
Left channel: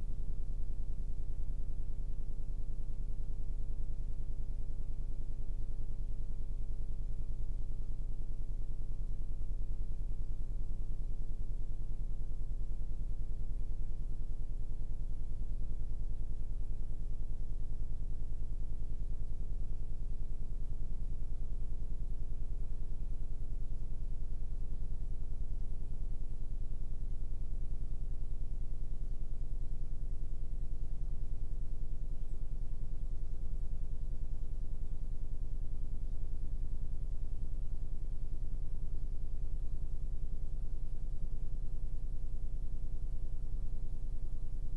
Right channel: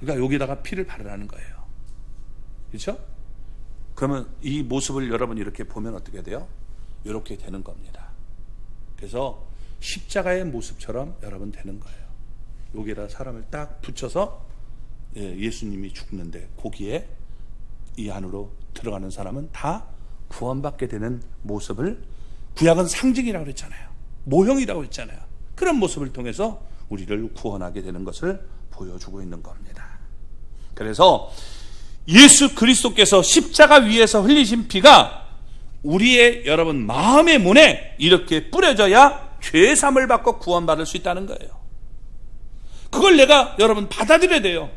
그러니까 여기다가 피를 바르라는 거예요. 그렇죠? 그러면 이 모습을 여러분 이렇게 보면 어떻게 돼요? 이렇게 되는 겁니다. 그래서 십자가의 모습처럼 여러분 되는 거예요. 여기에다 사람을 딱 붙여서 예수님이 죽는데 거기에 이 안으로 들어가는 사람은 다 구원받게 되는 모습을, 구약은 상징이라고 그랬잖아요. 모형이라고 했잖아요. 그런 모습을 통해서 우리를 구원하게 되는 것을 보여주고 있는 겁니다. 그래서 예수 그리스도께서 십자가 위에서 흘리신 피가 우리의 여러분 마음의 문에 이렇게 뿌려져야 죄사함을 받고 구원받을 수 있다는 거예요. 그걸 내가 여러분 받아들여야 돼요.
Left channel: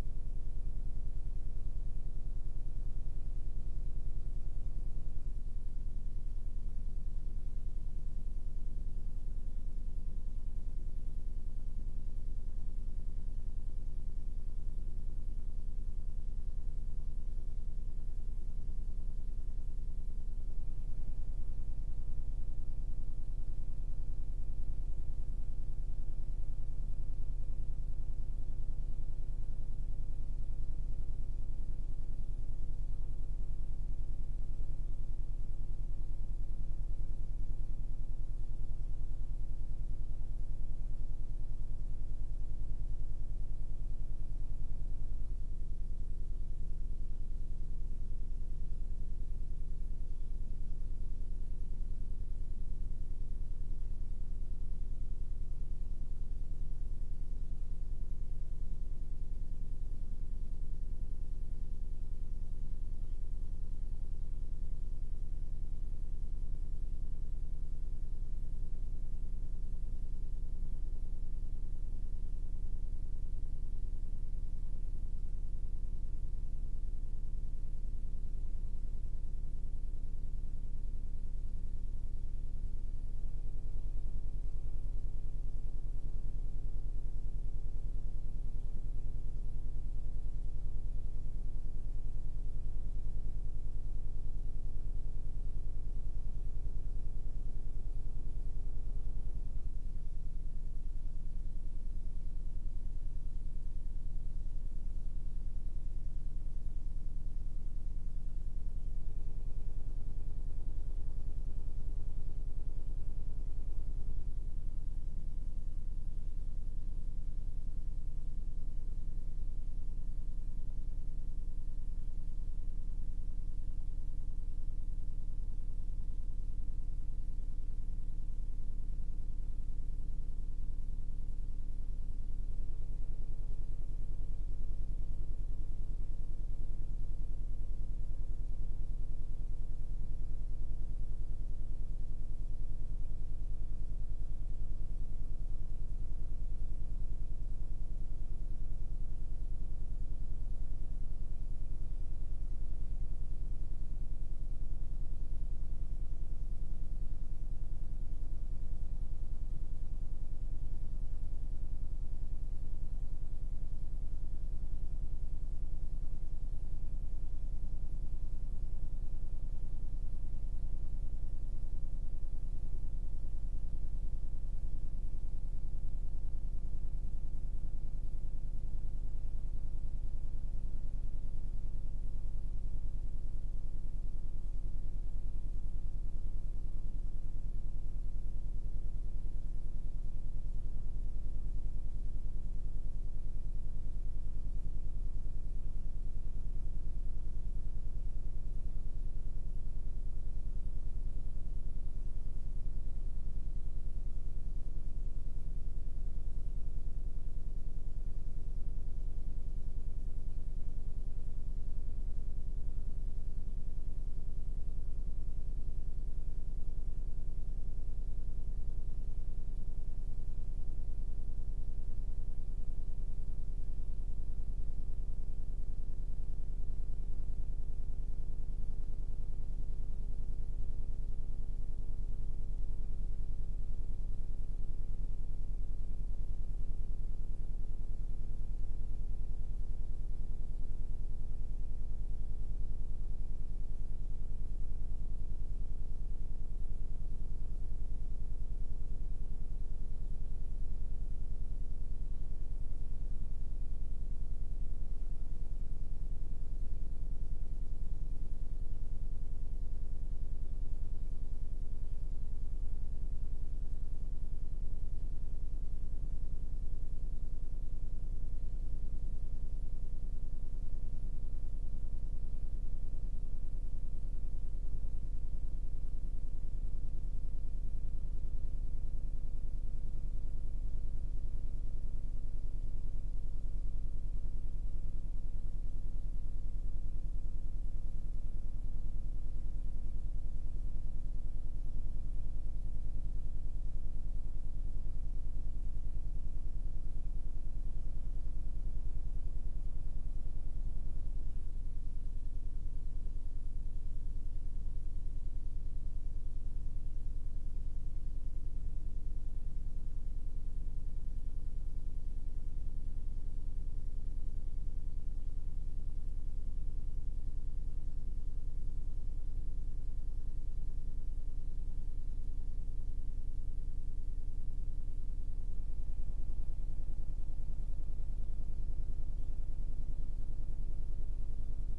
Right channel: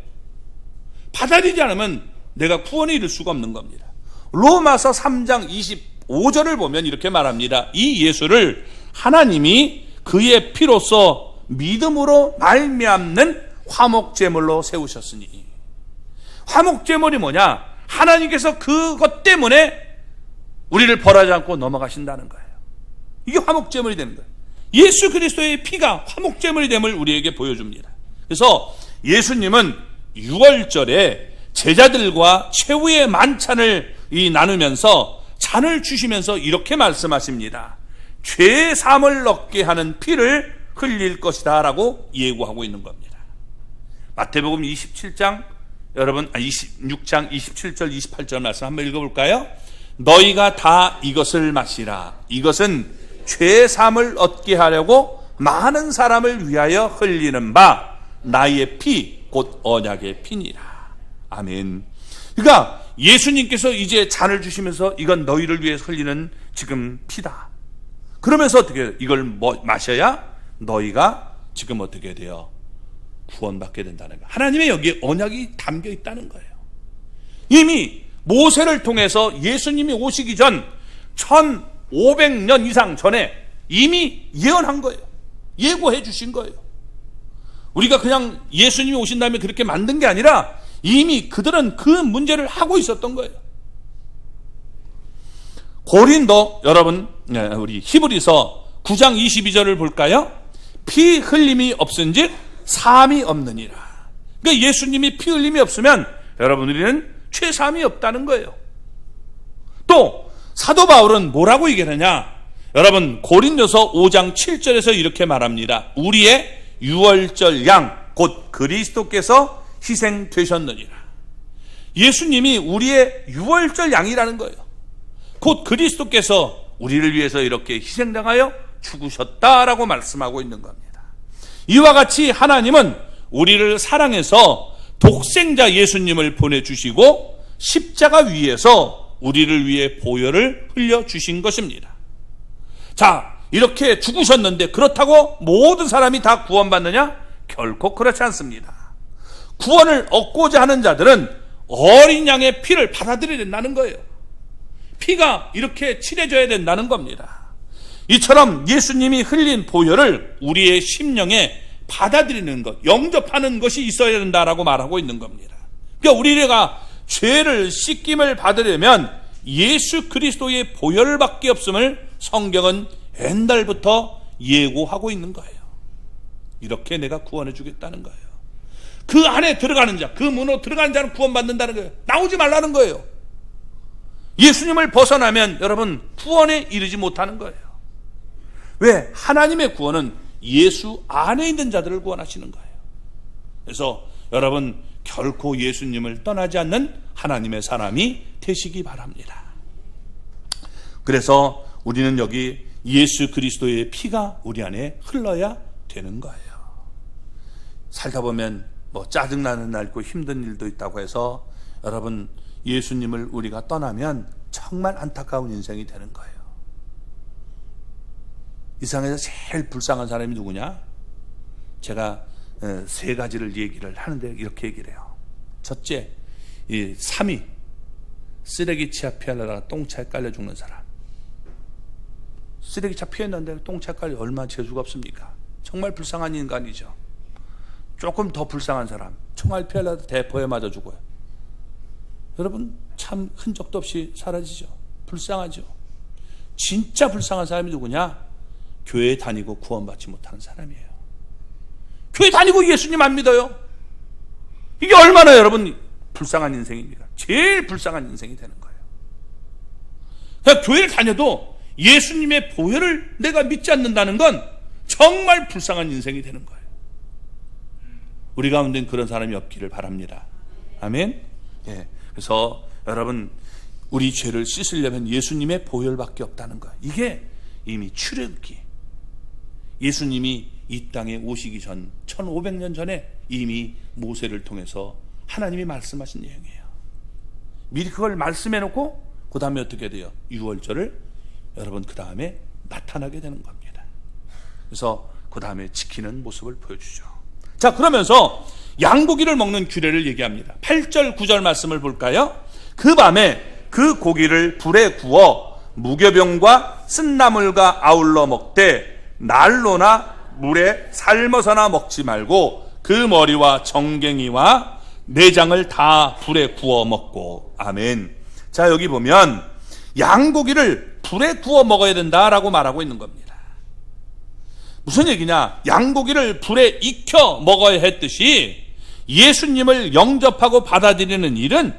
받아들이지 않으면 내가 구원에 이를 수가 없는 겁니다. 로마서 3장 25절을 보면 이렇게 말합니다. 이 예수를 하나님이 그의 피로써 믿음으로 말미암는 화목제물로 세우셨으니. 화목제물이 뭐냐? 하나님께서 그것 때문에 우리를 벌하지 않고 넘어가신다는 거예요. 이게 화목제물이 되는 거예요. 예수 그리스도의 피가 화목제물이 됨을 우리에게 보여줍니다. 그래서 예수님은 6월절에 제자들과 최후의 만찬을 나누면서 잔을 주시면서 이렇게 말씀하십니다. 죄 사함을 얻게 하는 피를 흘릴 것이다 라고 예고하고 있는 겁니다. 마태복음 26장 27절 28절 말씀 한번 읽어볼까요? 너희가 다 이것을 마시라. 이것은 죄 사함을 얻게 하려고 많은 사람을 위하여 흘리는 바 나의 피 곧 언약의 피니라. 아멘. 그러니까 예수님께서 이제 잔을 주시면서 이건 너희를 위해서 흘리는 지금 피다. 그러면서 어떻게 해요? 이걸 마셔야 너희가 지금 어떻게 돼요? 구원받게 된다는 거예요. 하나님의 여기에 언약이 담겨 있다는 거예요. 이미 모세를 통해서 예수님이 오시기 전 1500년 이상 전에 이미 예언한 거예요. 예고해 주신 거예요. 우리가 그냥 예수님이 오신 다음에 그렇게 만든 게 아니라 이미 그들은 그 문제를 하고 있었던 거예요. 고린도 여러분, 우리 히브리서 9장 22절을 볼까요? 피 흘림이 없은즉 사함이 없느니라. 그러니까 예수님이 피 흘림이 없으면 여러분 우리는 죄사함이 없다는 거예요. 또 사도 바울은 뭐라고 얘기하느냐? 여러분 고린도서 5장 7절에서 이렇게 말합니다. 우리의 유월절 양 곧 그리스도께서 희생되셨느니라. 예수님이 우리의 유월절 양이라는 거예요. 곧 그리스도께서 우리를 위해서 이렇게 희생당하여 죽으셨다라고 말씀하고 있는 겁니다. 이와 같이 하나님은 우리를 사랑해서 독생자 예수님을 보내주시고 십자가 위에서 우리를 위해 보혈을 흘려주신 것입니다. 자, 이렇게 죽으셨는데 그렇다고 모든 사람이 다 구원받느냐? 결코 그렇지 않습니다. 구원을 얻고자 하는 자들은 어린 양의 피를 받아들여야 된다는 거예요. 피가 이렇게 칠해져야 된다는 겁니다. 이처럼 예수님이 흘린 보혈을 우리의 심령에 받아들이는 것, 영접하는 것이 있어야 된다라고 말하고 있는 겁니다. 그러니까 우리가 죄를 씻김을 받으려면 예수 그리스도의 보혈밖에 없음을 성경은 옛날부터 예고하고 있는 거예요. 이렇게 내가 구원해 주겠다는 거예요. 그 안에 들어가는 자, 그 문으로 들어가는 자는 구원받는다는 거예요. 나오지 말라는 거예요. 예수님을 벗어나면 여러분 구원에 이르지 못하는 거예요. 왜? 하나님의 구원은 예수 안에 있는 자들을 구원하시는 거예요. 그래서 여러분 결코 예수님을 떠나지 않는 하나님의 사람이 되시기 바랍니다. 그래서 우리는 여기 예수 그리스도의 피가 우리 안에 흘러야 되는 거예요. 살다 보면 짜증나는 날 있고 힘든 일도 있다고 해서 여러분 예수님을 우리가 떠나면 정말 안타까운 인생이 되는 거예요. 이 세상에서 제일 불쌍한 사람이 누구냐? 제가 세 가지를 얘기를 하는데 이렇게 얘기를 해요. 첫째, 이 3위, 쓰레기차 피하려다가 똥차에 깔려 죽는 사람. 쓰레기차 피했는데 똥차에 깔려 얼마나 재수가 없습니까? 정말 불쌍한 인간이죠. 조금 더 불쌍한 사람, 총알 피하려다 대포에 맞아 죽어요. 여러분, 참 흔적도 없이 사라지죠. 불쌍하죠. 진짜 불쌍한 사람이 누구냐? 교회 다니고 구원받지 못하는 사람이에요. 교회 다니고 예수님 안 믿어요. 이게 얼마나 여러분 불쌍한 인생입니까? 제일 불쌍한 인생이 되는 거예요. 그러니까 교회를 다녀도 예수님의 보혈을 내가 믿지 않는다는 건 정말 불쌍한 인생이 되는 거예요. 우리 가운데는 그런 사람이 없기를 바랍니다. 아멘. 예. 그래서 여러분, 우리 죄를 씻으려면 예수님의 보혈밖에 없다는 거예요. 이게 이미 출애굽기, 예수님이 이 땅에 오시기 전 1500년 전에 이미 모세를 통해서 하나님이 말씀하신 내용이에요. 미리 그걸 말씀해 놓고 그 다음에 어떻게 돼요? 유월절을 여러분 그 다음에 나타나게 되는 겁니다. 그래서 그 다음에 지키는 모습을 보여주죠. 자, 그러면서 양고기를 먹는 규례를 얘기합니다. 8절 9절 말씀을 볼까요? 그 밤에 그 고기를 불에 구워 무교병과 쓴나물과 아울러 먹되 날로나 물에 삶아서나 먹지 말고 그 머리와 정갱이와 내장을 다 불에 구워 먹고. 아멘. 자, 여기 보면 양고기를 불에 구워 먹어야 된다라고 말하고 있는 겁니다. 무슨 얘기냐? 양고기를 불에 익혀 먹어야 했듯이 예수님을 영접하고 받아들이는 일은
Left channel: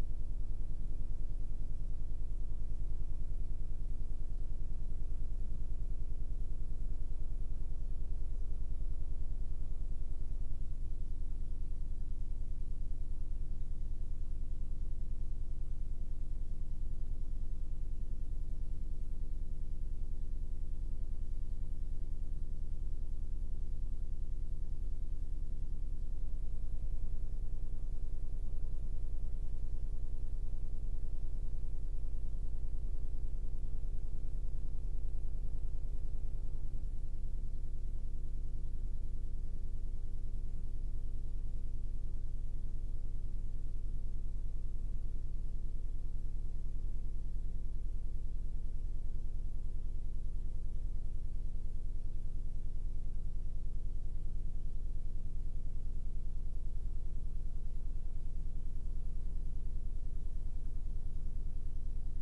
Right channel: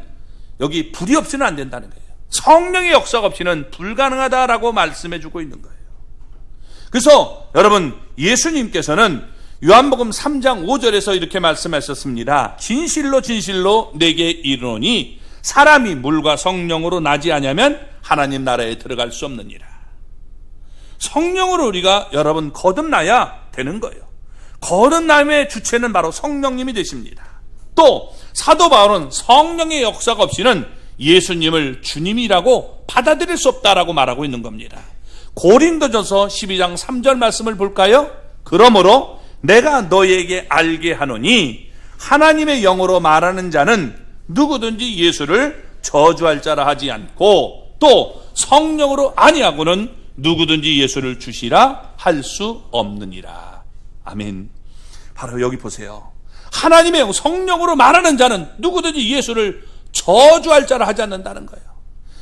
여기 불이 없이는 안 된다는 거예요. 성령의 역사가 없이는 불가능하다라고 말씀해 주고 있는 거예요. 그래서 여러분, 예수님께서는 요한복음 3장 5절에서 이렇게 말씀하셨습니다. 진실로 진실로 내게 이르노니 사람이 물과 성령으로 나지 아니하면 하나님 나라에 들어갈 수 없느니라. 성령으로 우리가 여러분 거듭나야 되는 거예요. 거듭남의 주체는 바로 성령님이 되십니다. 또 사도 바울은 성령의 역사가 없이는 예수님을 주님이라고 받아들일 수 없다라고 말하고 있는 겁니다. 고린도전서 12장 3절 말씀을 볼까요? 그러므로 내가 너에게 알게 하노니 하나님의 영으로 말하는 자는 누구든지 예수를 저주할 자라 하지 않고 또 성령으로 아니하고는 누구든지 예수를 주시라 할 수 없느니라. 아멘. 바로 여기 보세요. 하나님의 영, 성령으로 말하는 자는 누구든지 예수를 저주할 자라 하지 않는다는 거예요.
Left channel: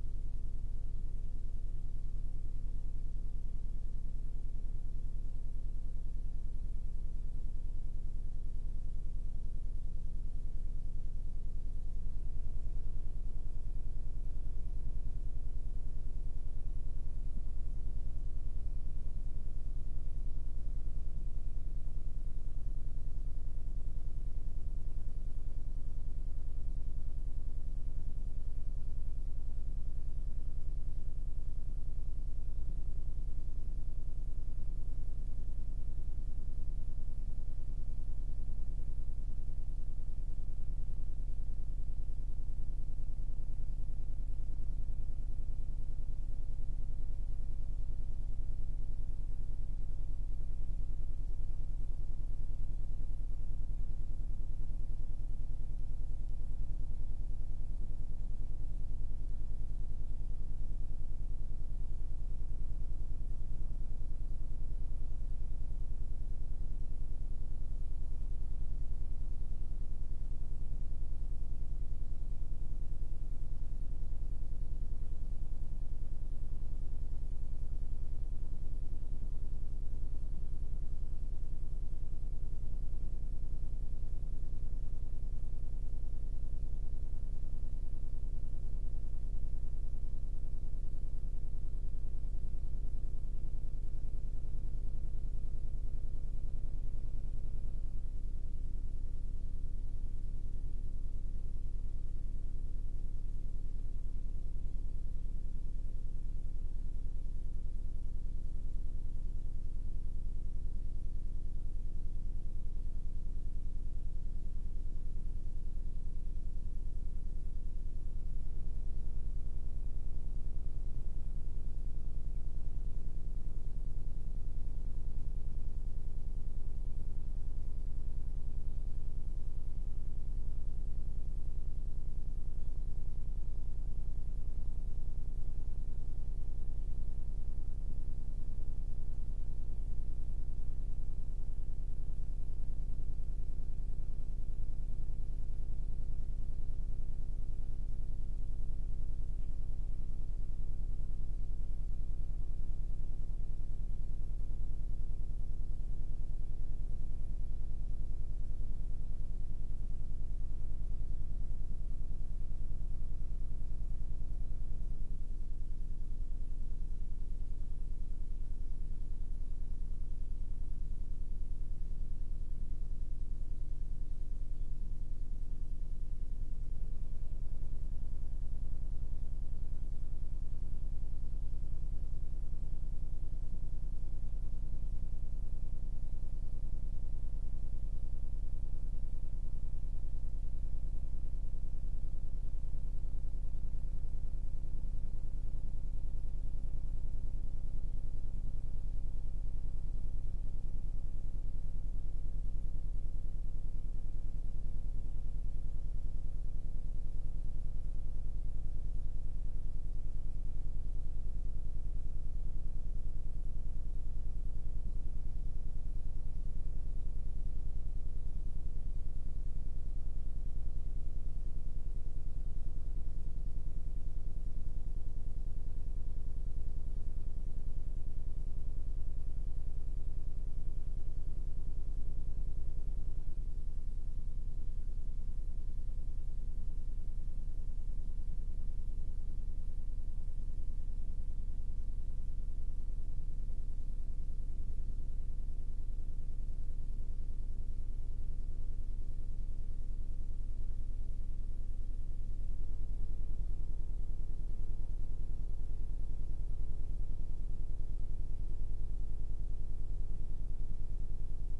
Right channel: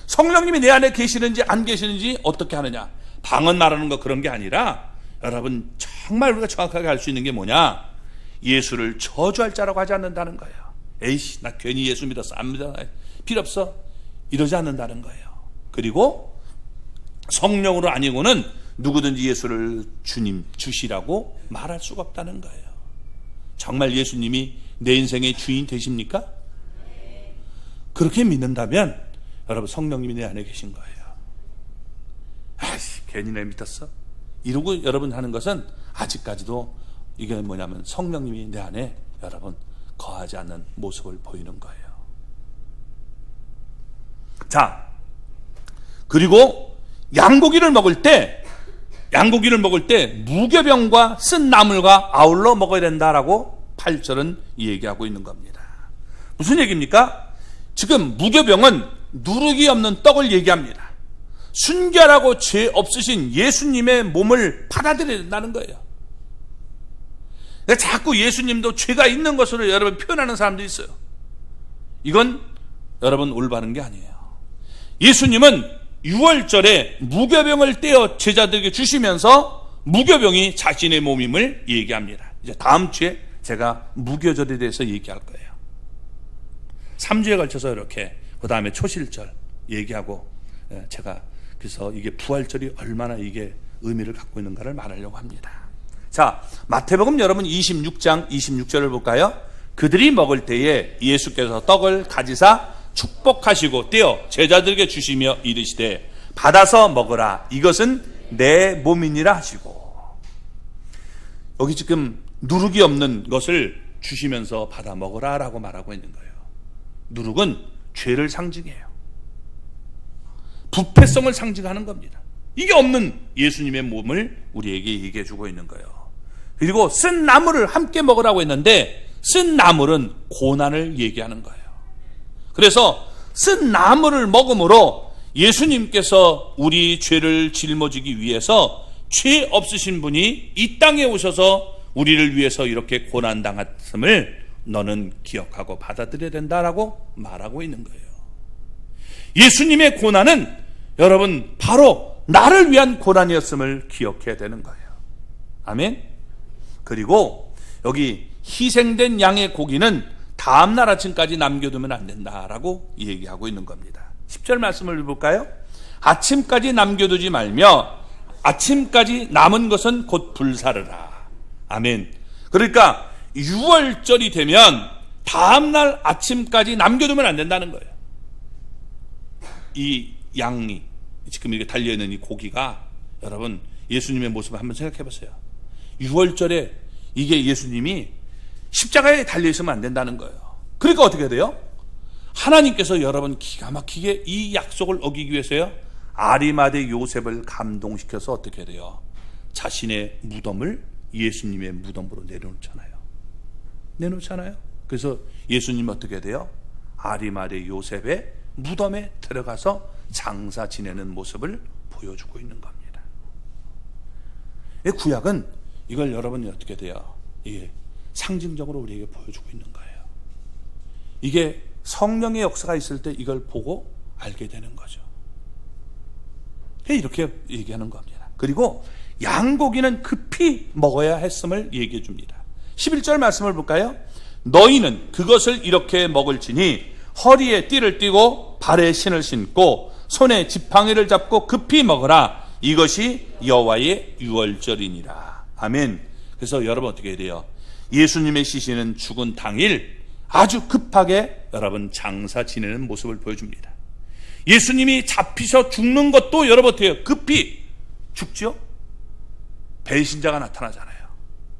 성령님이 내 안에 계시는지 안 계시는지 어떻게 하느냐? 방언 말하는 거 그런 게 아니라 여러분 정말 우리가 정확하게 알 수 있는 게 뭐냐? 예수를 저주할 자라고 하지 않는다는 거예요. 에이씨, 나 괜히 예수 믿었어. 안 믿어. 필요 없어. 이러지 않는다는 거예요. 그리고 성령으로 아니고는 누구든지 예수를 주님, 주시라고 말할 수가 없다는 거예요. 정말 예수님이 내 인생의 주인 되십니까? 그렇게 믿는다면 여러분 성령님이 내 안에 계신 거예요. 아이씨, 괜히 내 믿었어. 이러고 여러분 하는 것은 아직까지도 이게 뭐냐면 성령님이 내 안에 여러분 거하지 않는 모습을 보이는 거예요. 자, 그리고 양고기를 먹을 때 무교병과 쓴 나물과 아울러 먹어야 된다라고 8절은 얘기하고 있는 겁니다. 무슨 얘기입니까? 지금 무교병은 누룩이 없는 떡을 얘기합니다. 순결하고 죄 없으신 예수님의 몸을 받아들여야 된다는 거예요. 자꾸 예수님도 죄가 있는 것으로 여러분 표현하는 사람도 있어요. 이건 여러분 올바른 게 아니에요. 예수님은 유월절에 무교병을 떼어 제자들에게 주시면서 무교병이 자신의 몸임을 얘기합니다. 이제 다음 주에 제가 무교절에 대해서 얘기할 거예요. 3주에 걸쳐서 이렇게 그 다음에 초실절 얘기하고 제가 그래서 이게 부활절이 얼마나 이게 의미를 갖고 있는가를 말하려고 합니다. 자, 마태복음 여러분 26장 26절을 볼까요? 그들이 먹을 때에 예수께서 떡을 가지사 축복하시고 떼어 제자들에게 주시며 이르시되 받아서 먹으라 이것은 내 몸이니라 하시고. 여기 지금 누룩이 없는 것을 주시면서 받아 먹으라 라고 말하고 있는 거예요. 누룩은 죄를 상징해요. 부패성을 상징하는 겁니다. 이게 없는 예수님의 몸을 우리에게 얘기해 주고 있는 거예요. 그리고 쓴 나물을 함께 먹으라고 했는데 쓴 나물은 고난을 얘기하는 거예요. 그래서 쓴 나물을 먹음으로 예수님께서 우리 죄를 짊어지기 위해서 죄 없으신 분이 이 땅에 오셔서 우리를 위해서 이렇게 고난당했음을 너는 기억하고 받아들여야 된다라고 말하고 있는 거예요. 예수님의 고난은 여러분 바로 나를 위한 고난이었음을 기억해야 되는 거예요. 아멘. 그리고 여기 희생된 양의 고기는 다음날 아침까지 남겨두면 안 된다라고 얘기하고 있는 겁니다. 10절 말씀을 볼까요? 아침까지 남겨두지 말며 아침까지 남은 것은 곧 불사르라. 아멘. 그러니까 6월절이 되면 다음날 아침까지 남겨두면 안 된다는 거예요. 이 양이 지금 이렇게 달려있는 이 고기가 여러분 예수님의 모습을 한번 생각해 보세요. 6월절에 이게 예수님이 십자가에 달려있으면 안 된다는 거예요. 그러니까 어떻게 돼요? 하나님께서 여러분 기가 막히게 이 약속을 어기기 위해서요, 아리마대 요셉을 감동시켜서 어떻게 돼요? 자신의 무덤을 예수님의 무덤으로 내놓잖아요. 그래서 예수님 어떻게 돼요? 아리마대 요셉의 무덤에 들어가서 장사 지내는 모습을 보여주고 있는 겁니다. 구약은 이걸 여러분이 어떻게 돼요? 이게 상징적으로 우리에게 보여주고 있는 거예요. 이게 성령의 역사가 있을 때 이걸 보고 알게 되는 거죠. 이렇게 얘기하는 겁니다. 그리고 양고기는 급히 먹어야 했음을 얘기해 줍니다. 11절 말씀을 볼까요? 너희는 그것을 이렇게 먹을지니 허리에 띠를 띠고 발에 신을 신고 손에 지팡이를 잡고 급히 먹으라. 이것이 여호와의 유월절이니라. 아멘. 그래서 여러분 어떻게 해야 돼요? 예수님의 시신은 죽은 당일 아주 급하게 여러분 장사 지내는 모습을 보여줍니다. 예수님이 잡히셔 죽는 것도 여러분 어떻게 해요? 급히 죽죠? 배신자가 나타나잖아요.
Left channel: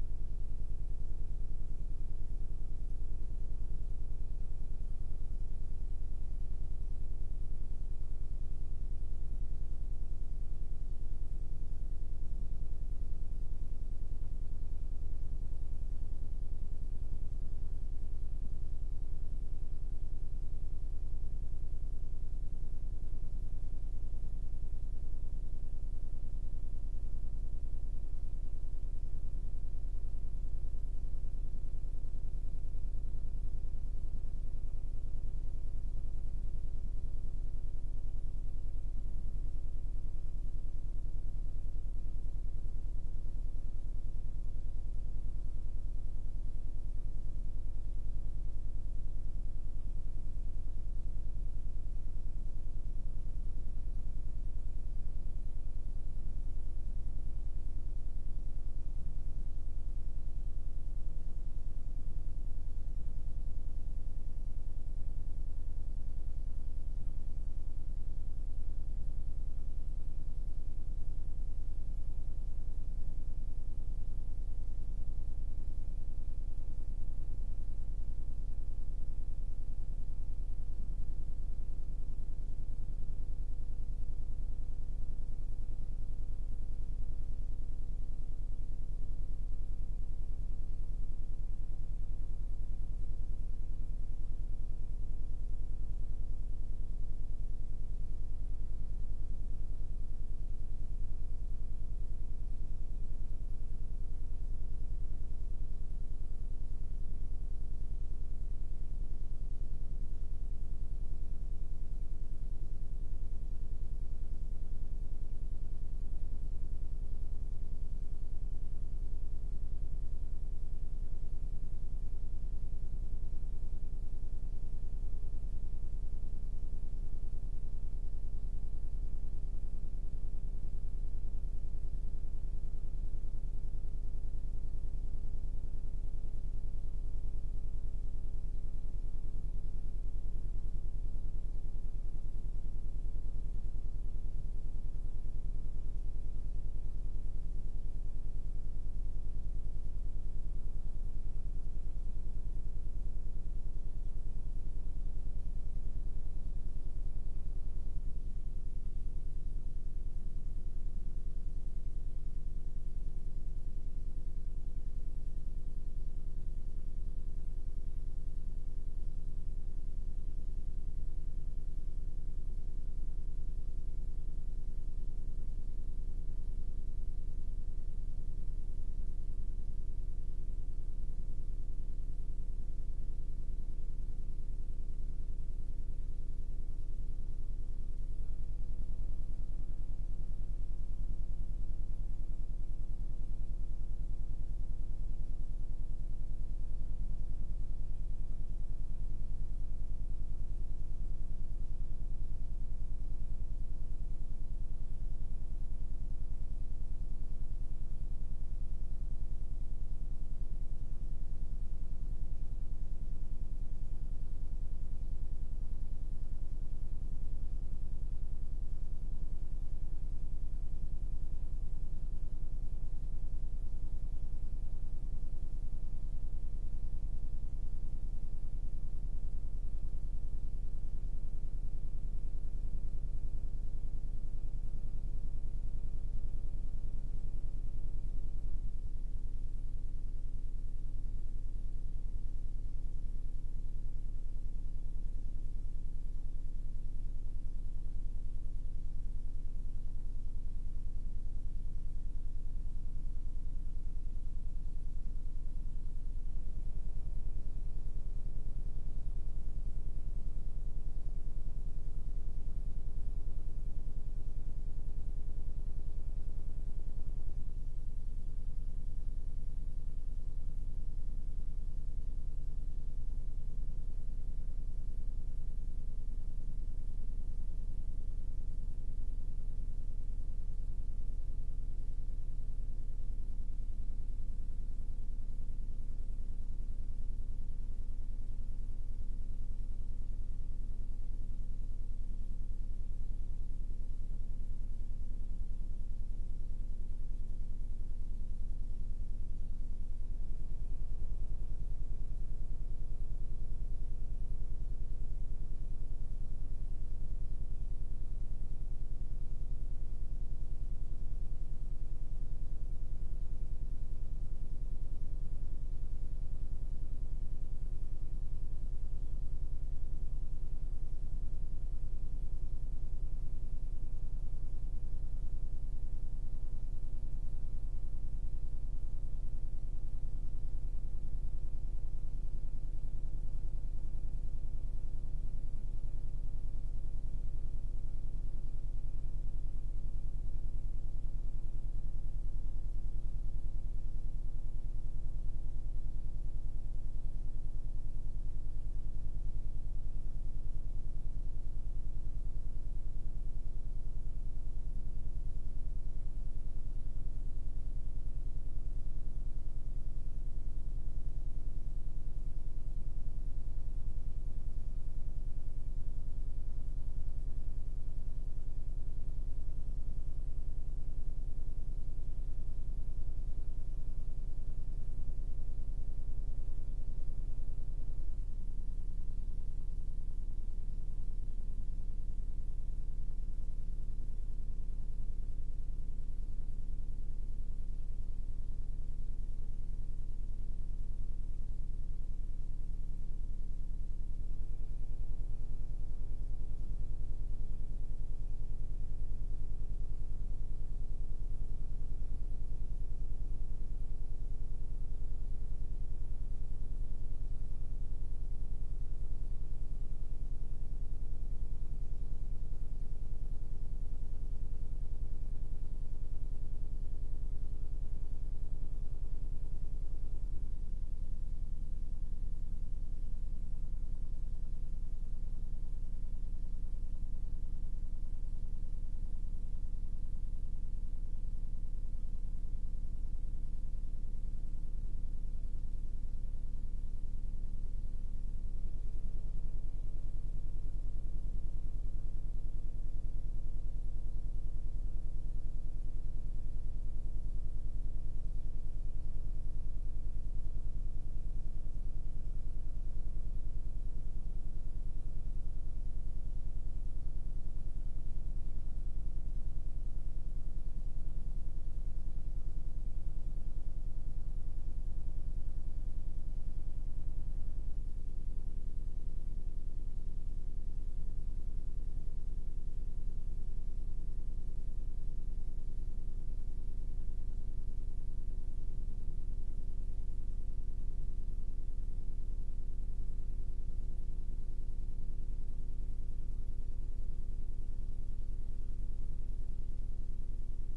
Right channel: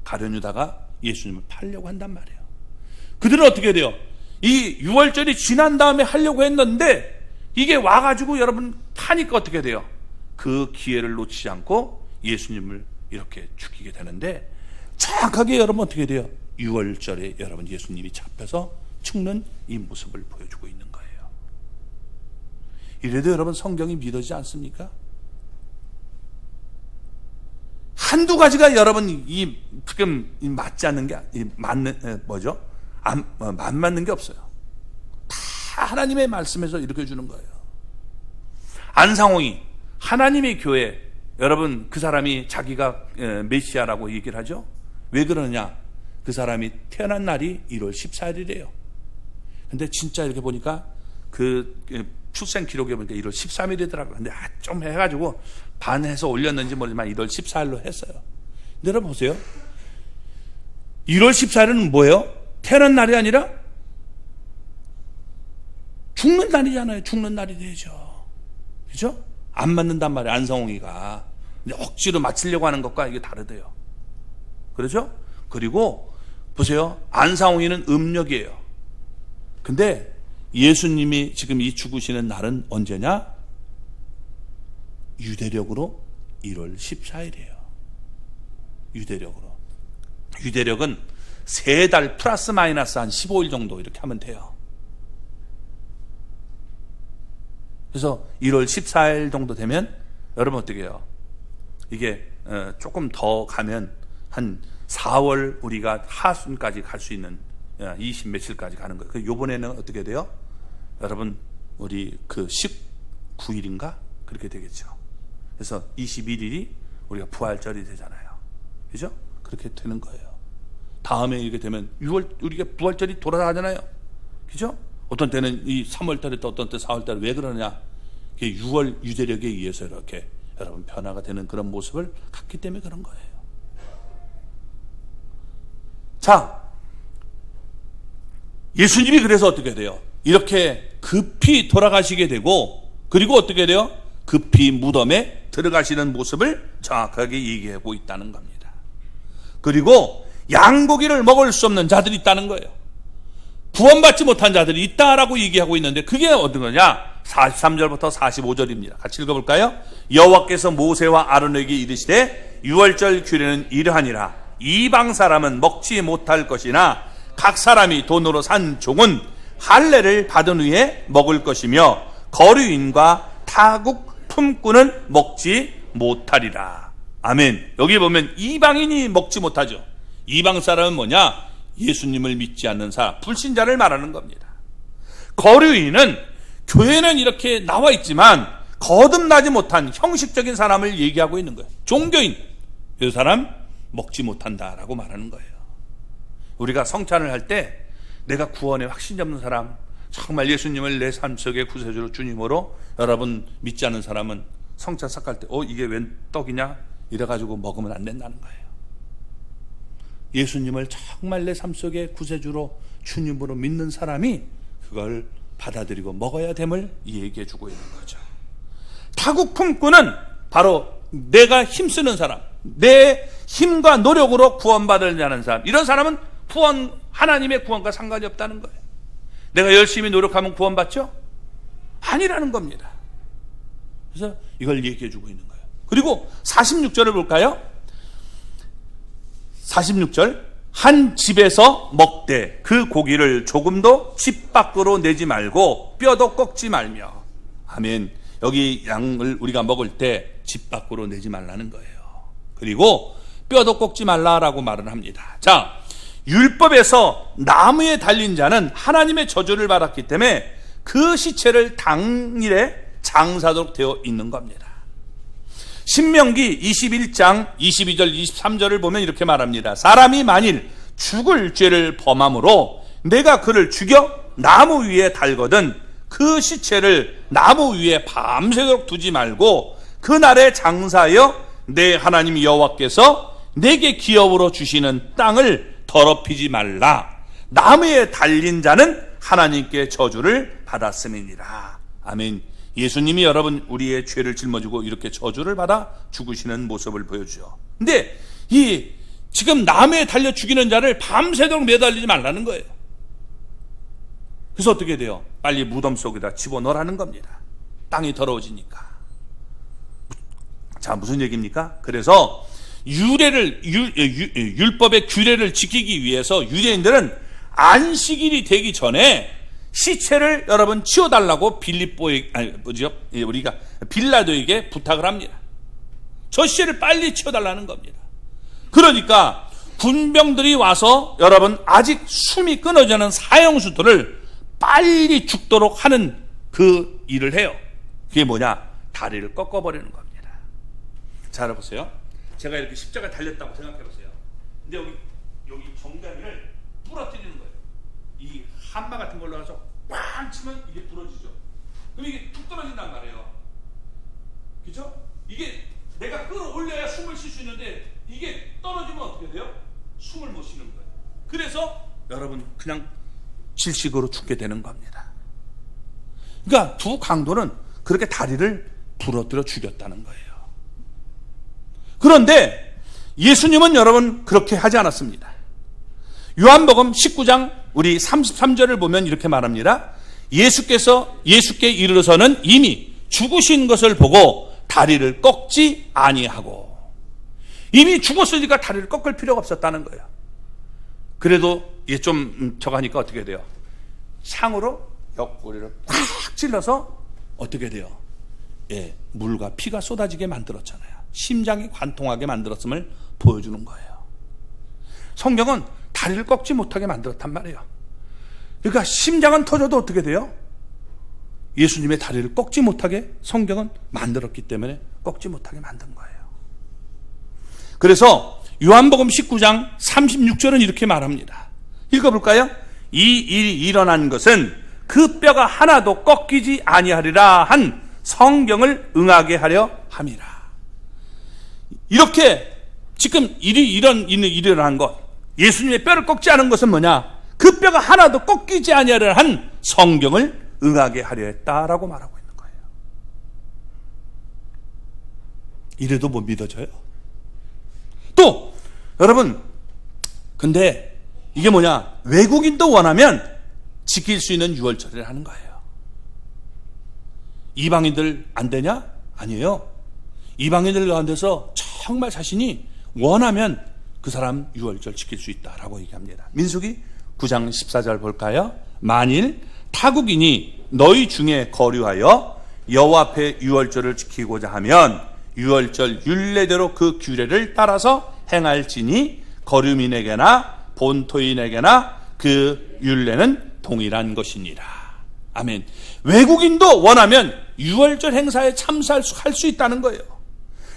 가룟 유다가 예수님을 팔려고 한단 말이에요. 그들은 어떻게 돼요? 이 6월절이 지난 다음에 하려고 했는데 이게 와가지고 여러분 하니까 어떻게 돼요? 그 기회를 놓치지 않고 예수님을 이렇게 죽이게 되는데 정확하게 여러분 어떻게 돼요? 6월절에 여러분 예수님이 잡혀서 죽는 이 모습을 보여주고 있는 거예요. 이래도 여러분 성경이 믿어지지 않습니까? 한두 가지가 여러분 이 지금 맞지 않는 게 맞는 뭐죠? 안 맞는 게 없어요. 다 하나님의 말씀에서 이렇게 주는 거예요. 안상홍이 하나님의 교회, 여러분 그 사람이 자기가 메시아라고 얘기를 하죠. 왜 그러느냐? 그 사람이 태어난 날이 1월 14일이래요. 근데 진짜 이렇게 보니까 그 출생 기록에 보니까 1월 13일이더라고요. 근데 좀 해가지고 반해서 올렸는지 모르지만 1월 14일로 했어요. 근데 여러분 보세요. 1월 14일은 뭐예요? 태어난 날이 아니라 죽는 날이잖아요. 죽는 날이 되죠. 그죠? 안 맞는단 말이에요. 안성홍이가. 근데 억지로 맞추려고 하는 것과 이게 다르대요. 그렇죠? 그리고 보세요. 안상홍이는 음력이에요. 근데 예수님이 지금 이 죽으시는 날은 언제냐? 유대력으로 1월 14일이에요. 유대력은 3달 플러스 마이너스 한 15일 정도 이렇게 하면 돼요. 그래서 1월 14일 정도 되면 여러분 어떻게 해요? 이게 조금 더 가면 한 4월 우리가 하순까지 갈 수 있는 20 며칠까지 가는 거예요. 요번에는 어떻게 돼요? 여러분 우리 그 19일인가? 그렇게 되겠죠. 그래서 21일이 우리가 부활절이 되잖아요. 그죠? 그렇게 되는 거예요. 다음에 이렇게 되면 6월 우리가 부활절이 돌아가잖아요. 그죠? 어떤 때는 이 3월달에 또 어떤 때 4월달에 왜 그러냐? 6월 유대력에 의해서 이렇게 여러분 변화가 되는 그런 모습을 갖기 때문에 그런 거예요. 자, 예수님이 그래서 어떻게 돼요? 이렇게 급히 돌아가시게 되고 그리고 어떻게 돼요? 급히 무덤에 들어가시는 모습을 정확하게 얘기하고 있다는 겁니다. 그리고 양고기를 먹을 수 없는 자들이 있다는 거예요. 구원받지 못한 자들이 있다라고 얘기하고 있는데 그게 어떤 거냐? 43절부터 45절입니다. 같이 읽어볼까요? 여호와께서 모세와 아론에게 이르시되 6월절 규례는 이러하니라. 이방 사람은 먹지 못할 것이나 각 사람이 돈으로 산 종은 할례를 받은 후에 먹을 것이며 거류인과 타국 품꾼은 먹지 못하리라. 아멘. 여기 보면 이방인이 먹지 못하죠. 이방 사람은 뭐냐? 예수님을 믿지 않는 사람, 불신자를 말하는 겁니다. 거류인은 교회는 이렇게 나와 있지만 거듭나지 못한 형식적인 사람을 얘기하고 있는 거예요. 종교인, 이 사람 먹지 못한다라고 말하는 거예요. 우리가 성찬을 할 때 내가 구원에 확신이 없는 사람, 정말 예수님을 내 삶 속의 구세주로 주님으로 여러분 믿지 않는 사람은 성찬 삭할 때 이게 웬 떡이냐? 이래가지고 먹으면 안 된다는 거예요. 예수님을 정말 내 삶 속의 구세주로 주님으로 믿는 사람이 그걸 받아들이고 먹어야 됨을 얘기해 주고 있는 거죠. 타국 품꾼은 바로 내가 힘쓰는 사람, 내 힘과 노력으로 구원받으려는 사람, 이런 사람은 하나님의 구원과 상관이 없다는 거예요. 내가 열심히 노력하면 구원받죠? 아니라는 겁니다. 그래서 이걸 얘기해 주고 있는 거예요. 그리고 46절을 볼까요? 46절, 한 집에서 먹되 그 고기를 조금도 집 밖으로 내지 말고 뼈도 꺾지 말며. 아멘. 여기 양을 우리가 먹을 때 집 밖으로 내지 말라는 거예요. 그리고 뼈도 꺾지 말라라고 말을 합니다. 자, 율법에서 나무에 달린 자는 하나님의 저주를 받았기 때문에 그 시체를 당일에 장사도록 되어 있는 겁니다. 신명기 21장 22절 23절을 보면 이렇게 말합니다. 사람이 만일 죽을 죄를 범함으로 내가 그를 죽여 나무 위에 달거든 그 시체를 나무 위에 밤새도록 두지 말고 그날에 장사하여 내 하나님 여호와께서 내게 기업으로 주시는 땅을 더럽히지 말라. 나무에 달린 자는 하나님께 저주를 받았음이니라. 아멘. 예수님이 여러분 우리의 죄를 짊어지고 이렇게 저주를 받아 죽으시는 모습을 보여주죠. 근데 이 지금 나무에 달려 죽이는 자를 밤새도록 매달리지 말라는 거예요. 그래서 어떻게 돼요? 빨리 무덤 속에다 집어넣으라는 겁니다. 땅이 더러워지니까. 자, 무슨 얘기입니까? 그래서 율법의 규례를 지키기 위해서 유대인들은 안식일이 되기 전에 시체를 여러분 치워달라고 우리가 빌라도에게 부탁을 합니다. 저 시체를 빨리 치워달라는 겁니다. 그러니까 군병들이 와서 여러분 아직 숨이 끊어지는 사형수들을 빨리 죽도록 하는 그 일을 해요. 그게 뭐냐? 다리를 꺾어버리는 겁니다. 자, 알아보세요. 제가 이렇게 십자가 달렸다고 생각해보세요. 근데 여기 정강이를 부러뜨리는 거예요. 이 한마 같은 걸로 해서 꽝 치면 이게 부러지죠. 그럼 이게 툭 떨어진단 말이에요. 그렇죠? 이게 내가 끌어올려야 숨을 쉴 수 있는데 이게 떨어지면 어떻게 돼요? 숨을 못 쉬는 거예요. 그래서 여러분 그냥 질식으로 죽게 되는 겁니다. 그러니까 두 강도는 그렇게 다리를 부러뜨려 죽였다는 거예요. 그런데 예수님은 여러분 그렇게 하지 않았습니다. 요한복음 19장 우리 33절을 보면 이렇게 말합니다. 예수께 이르러서는 이미 죽으신 것을 보고 다리를 꺾지 아니하고. 이미 죽었으니까 다리를 꺾을 필요가 없었다는 거예요. 그래도 이게 좀 저가니까 어떻게 돼요? 상으로 옆구리를 팍 찔러서 어떻게 돼요? 예, 물과 피가 쏟아지게 만들었잖아요. 심장이 관통하게 만들었음을 보여주는 거예요. 성경은 다리를 꺾지 못하게 만들었단 말이에요. 그러니까 심장은 터져도 어떻게 돼요? 예수님의 다리를 꺾지 못하게 성경은 만들었기 때문에 꺾지 못하게 만든 거예요. 그래서 요한복음 19장 36절은 이렇게 말합니다. 읽어볼까요? 이 일이 일어난 것은 그 뼈가 하나도 꺾이지 아니하리라 한 성경을 응하게 하려 함이라. 이렇게 지금 일어난 것, 예수님의 뼈를 꺾지 않은 것은 뭐냐? 그 뼈가 하나도 꺾이지 아니하리라 한 성경을 응하게 하려 했다라고 말하고 있는 거예요. 이래도 못 믿어져요? 또 여러분, 근데 이게 뭐냐? 외국인도 원하면 지킬 수 있는 유월절을 하는 거예요. 이방인들 안 되냐? 아니에요. 이방인들 가운데서 정말 자신이 원하면 그 사람 유월절 지킬 수 있다라고 얘기합니다. 민수기 9장 14절 볼까요? 만일 타국인이 너희 중에 거류하여 여호와 앞에 유월절을 지키고자 하면 유월절 율례대로 그 규례를 따라서 행할지니 거류민에게나 본토인에게나 그 율례는 동일한 것이니라. 아멘. 외국인도 원하면 유월절 행사에 참석할 수 있다는 거예요.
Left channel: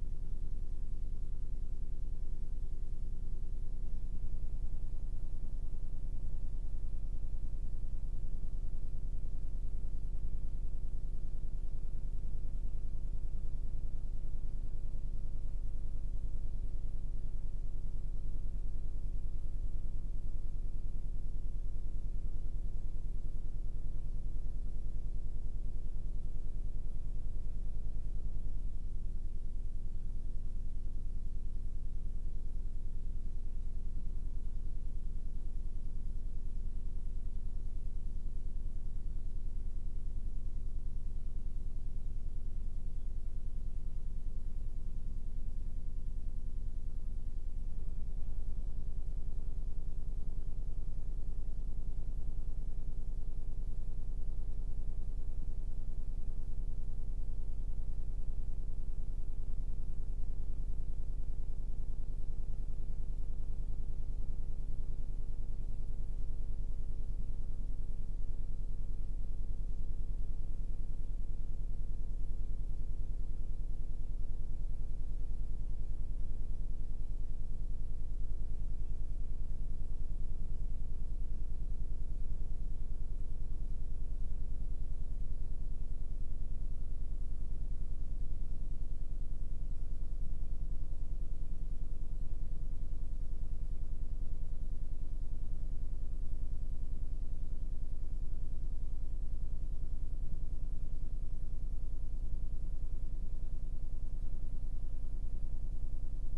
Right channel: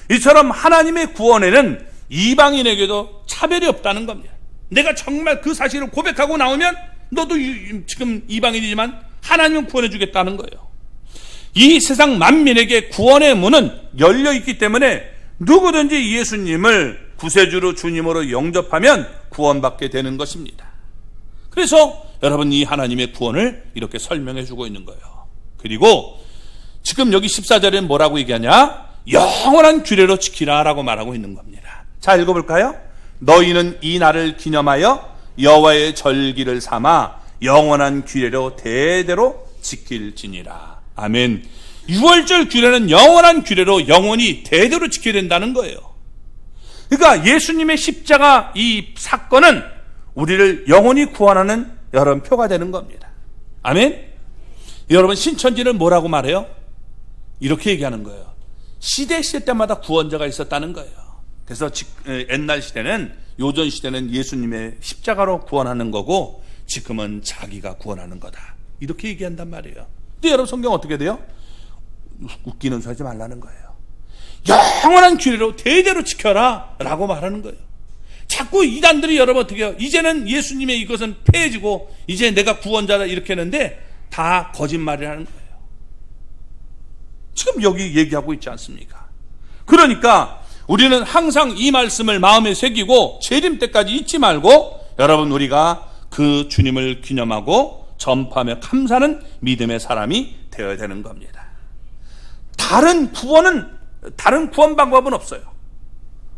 이처럼 하나님의 구원에는 이방인에게도 차별이 없다는 겁니다. 내가 정말 그 사실을 고백하고 나오면 너도 지금 이방인이지만 하나님은 구원해 주겠다는 거예요. 이 세상 만민에게 구원의 문은 열려 있기 때문에 누구든지 예수님을 구세주로 주님으로 영접하면 구원받게 되는 것입니다. 그래서 여러분 이 하나님의 구원을 이렇게 설명해 주고 있는 거예요. 그리고 지금 여기 14절에 뭐라고 얘기하냐? 영원한 규례로 지키라 라고 말하고 있는 겁니다. 자, 읽어볼까요? 너희는 이 날을 기념하여 여호와의 절기를 삼아 영원한 규례로 대대로 지킬지니라. 아멘. 유월절 규례는 영원한 규례로 영원히 대대로 지켜야 된다는 거예요. 그러니까 예수님의 십자가 이 사건은 우리를 영원히 구원하는 여러분 표가 되는 겁니다. 아멘. 여러분 신천지는 뭐라고 말해요? 이렇게 얘기하는 거예요. 시대 때마다 구원자가 있었다는 거예요. 그래서 옛날 시대는, 요전 시대는 예수님의 십자가로 구원하는 거고 지금은 자기가 구원하는 거다, 이렇게 얘기한단 말이에요. 근데 여러분 성경 어떻게 돼요? 웃기는 소리 하지 말라는 거예요. 영원한 규례로 대대로 지켜라 라고 말하는 거예요. 자꾸 이단들이 여러분 어떻게 해요? 이제는 예수님의 이것은 폐해지고 이제 내가 구원자다 이렇게 하는데 다 거짓말이라는 거예요. 지금 여기 얘기하고 있지 않습니까? 그러니까 우리는 항상 이 말씀을 마음에 새기고 재림 때까지 잊지 말고 여러분 우리가 그 주님을 기념하고 전파하며 감사하는 믿음의 사람이 되어야 되는 겁니다. 다른 구원 방법은 없어요.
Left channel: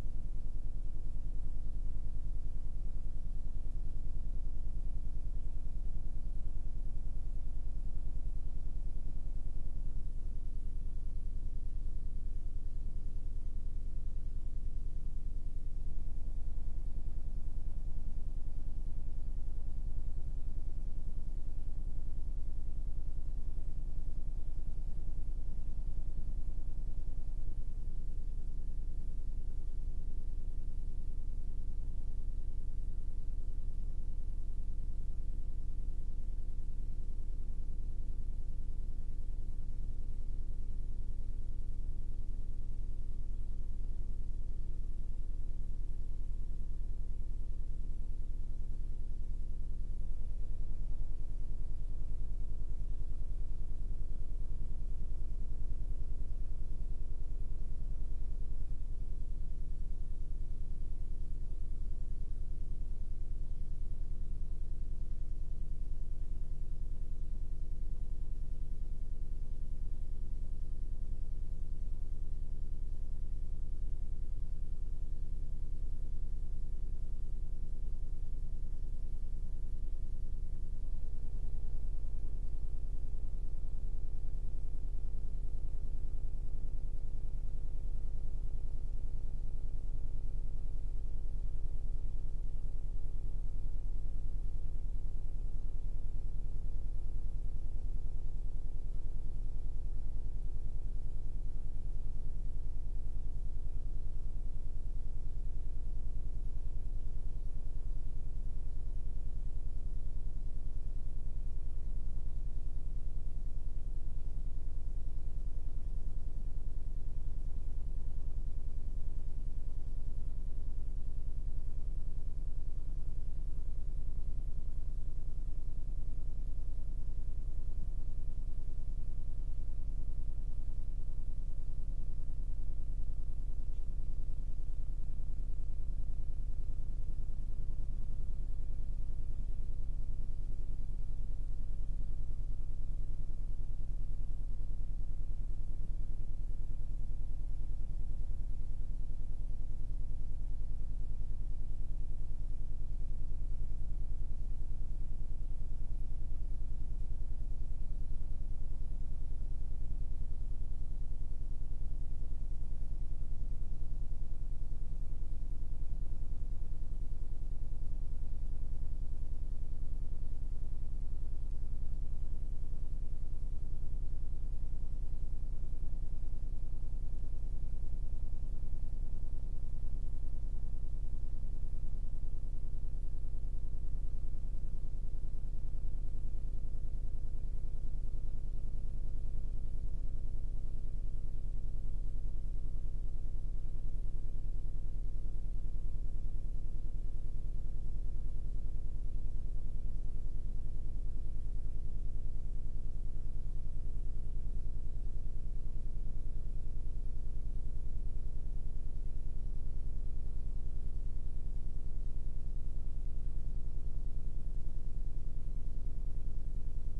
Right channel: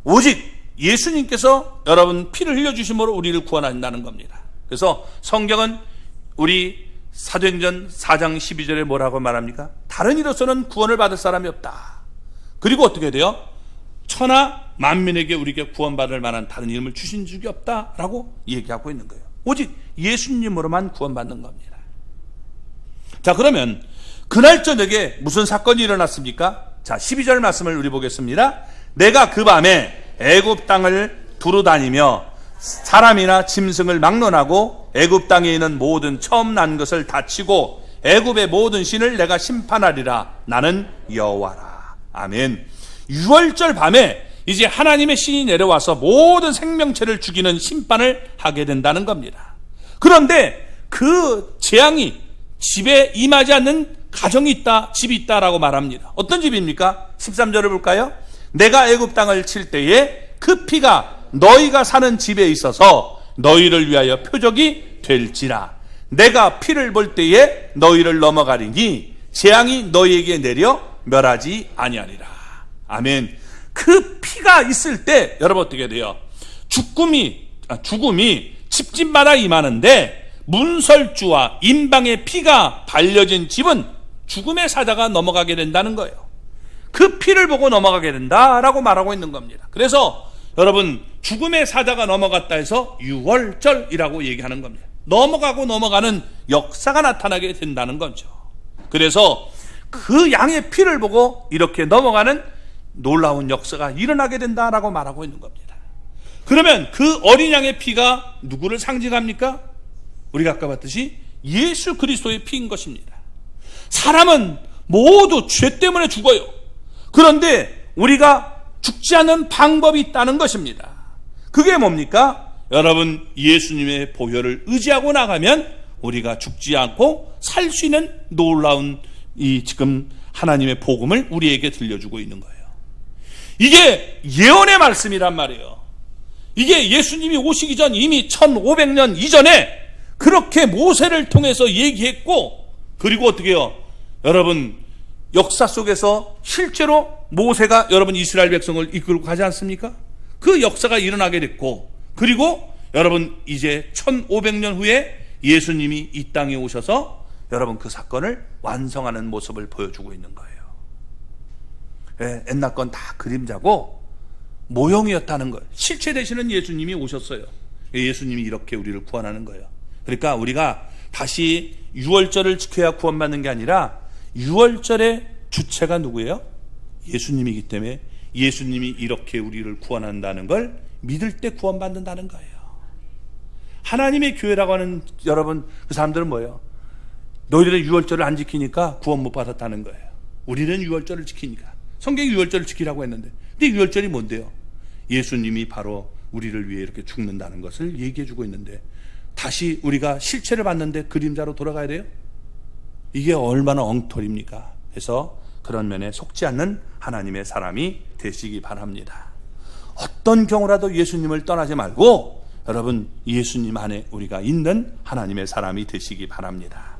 오직 예수님께서 여러분 피를 흘려주심으로 우리를 구원한다는 겁니다. 그래서 성경은 우리 사도행전 4장 12절에 뭐라고 말합니까? 다른 이로서는 구원을 받을 사람이 없다. 그리고 어떻게 돼요? 천하 만민에게 우리에게 구원받을 만한 다른 이름을 주신 적이 없다라고 얘기하고 있는 거예요. 오직 예수님으로만 구원받는 겁니다. 자, 그러면 그날 저녁에 무슨 사건이 일어났습니까? 자, 12절 말씀을 우리 보겠습니다. 내가 그 밤에 애굽 땅을 두루 다니며 사람이나 짐승을 막론하고 애굽 땅에 있는 모든 처음 난 것을 다치고 애굽의 모든 신을 내가 심판하리라. 나는 여호와라. 아멘. 유월절 밤에 이제 하나님의 신이 내려와서 모든 생명체를 죽이는 심판을 하게 된다는 겁니다. 그런데 그 재앙이 집에 임하지 않는 가정이 있다, 집이 있다라고 말합니다. 어떤 집입니까? 13절을 볼까요? 내가 애굽 땅을 칠 때에 그 피가 너희가 사는 집에 있어서 너희를 위하여 표적이 될지라. 내가 피를 볼 때에 너희를 넘어가리니 재앙이 너희에게 내려 멸하지 아니하리라. 아멘. 그 피가 있을 때 여러분 어떻게 돼요? 죽음이 집집마다 임하는데 문설주와 임방의 피가 발려진 집은 죽음의 사자가 넘어가게 된다는 거예요. 그 피를 보고 넘어가게 된다라고 말하고 있는 겁니다. 그래서 여러분 죽음의 사자가 넘어갔다 해서 유월절이라고 얘기하는 겁니다. 넘어가는 역사가 나타나게 된다는 거죠. 그래서 그 양의 피를 보고 이렇게 넘어가는 놀라운 역사가 일어나게 된다라고 말하고 있는 겁니다. 그러면 그 어린 양의 피가 누구를 상징합니까? 우리가 아까 봤듯이 예수 그리스도의 피인 것입니다. 사람은 모두 죄 때문에 죽어요. 그런데 우리가 죽지 않는 방법이 있다는 것입니다. 그게 뭡니까? 여러분 예수님의 보혈을 의지하고 나가면 우리가 죽지 않고 살 수 있는 놀라운 이 지금 하나님의 복음을 우리에게 들려주고 있는 거예요. 이게 예언의 말씀이란 말이에요. 이게 예수님이 오시기 전 이미 1500년 이전에 그렇게 모세를 통해서 얘기했고, 그리고 어떻게 해요? 여러분 역사 속에서 실제로 모세가 여러분 이스라엘 백성을 이끌고 가지 않습니까? 그 역사가 일어나게 됐고, 그리고 여러분 이제 1500년 후에 예수님이 이 땅에 오셔서 여러분 그 사건을 완성하는 모습을 보여주고 있는 거예요. 옛날 건 다 그림자고 모형이었다는 거예요. 실체 되시는 예수님이 오셨어요. 예수님이 이렇게 우리를 구원하는 거예요. 그러니까 우리가 다시 유월절을 지켜야 구원받는 게 아니라 유월절의 주체가 누구예요? 예수님이기 때문에 예수님이 이렇게 우리를 구원한다는 걸 믿을 때 구원받는다는 거예요. 하나님의 교회라고 하는 여러분, 그 사람들은 뭐예요? 너희들은 유월절을 안 지키니까 구원 못 받았다는 거예요. 우리는 유월절을 지키니까. 성경이 유월절을 지키라고 했는데, 근데 유월절이 뭔데요? 예수님이 바로 우리를 위해 이렇게 죽는다는 것을 얘기해 주고 있는데, 다시 우리가 실체를 봤는데 그림자로 돌아가야 돼요? 이게 얼마나 엉터리입니까? 그래서 그런 면에 속지 않는 하나님의 사람이 되시기 바랍니다. 어떤 경우라도 예수님을 떠나지 말고 여러분, 예수님 안에 우리가 있는 하나님의 사람이 되시기 바랍니다.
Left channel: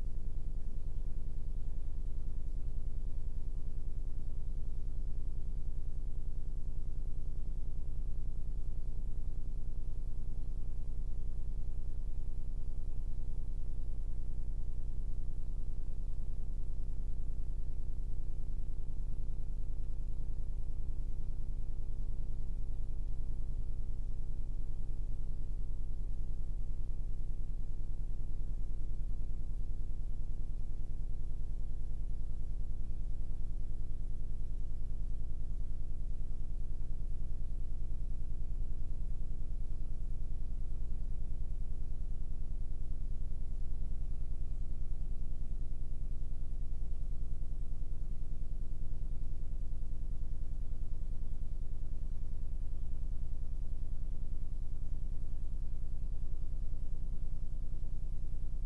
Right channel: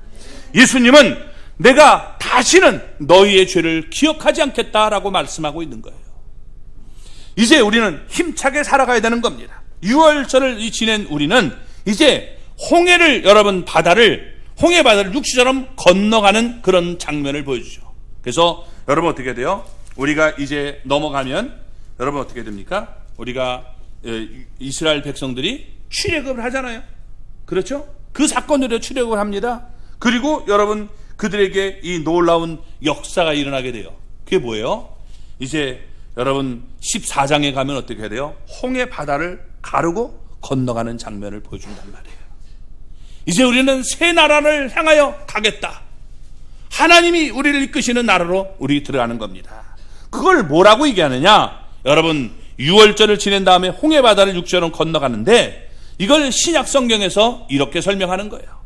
예수님은 내가 다시는 너희의 죄를 기억하지 않겠다라고 말씀하고 있는 거예요. 이제 우리는 힘차게 살아가야 되는 겁니다. 유월절을 지낸 우리는 이제 여러분 홍해 바다를 육시처럼 건너가는 그런 장면을 보여주죠. 그래서 여러분 어떻게 돼요? 우리가 이제 넘어가면 여러분 어떻게 됩니까? 우리가 이스라엘 백성들이 출애굽을 하잖아요. 그렇죠? 그 사건으로 출애굽을 합니다. 그리고 여러분 그들에게 이 놀라운 역사가 일어나게 돼요. 그게 뭐예요? 이제 여러분 14장에 가면 어떻게 해야 돼요? 홍해 바다를 가르고 건너가는 장면을 보여준단 말이에요. 이제 우리는 새 나라를 향하여 가겠다. 하나님이 우리를 이끄시는 나라로 우리 들어가는 겁니다. 그걸 뭐라고 얘기하느냐? 여러분 유월절을 지낸 다음에 홍해 바다를 육지로 건너가는데 이걸 신약 성경에서 이렇게 설명하는 거예요.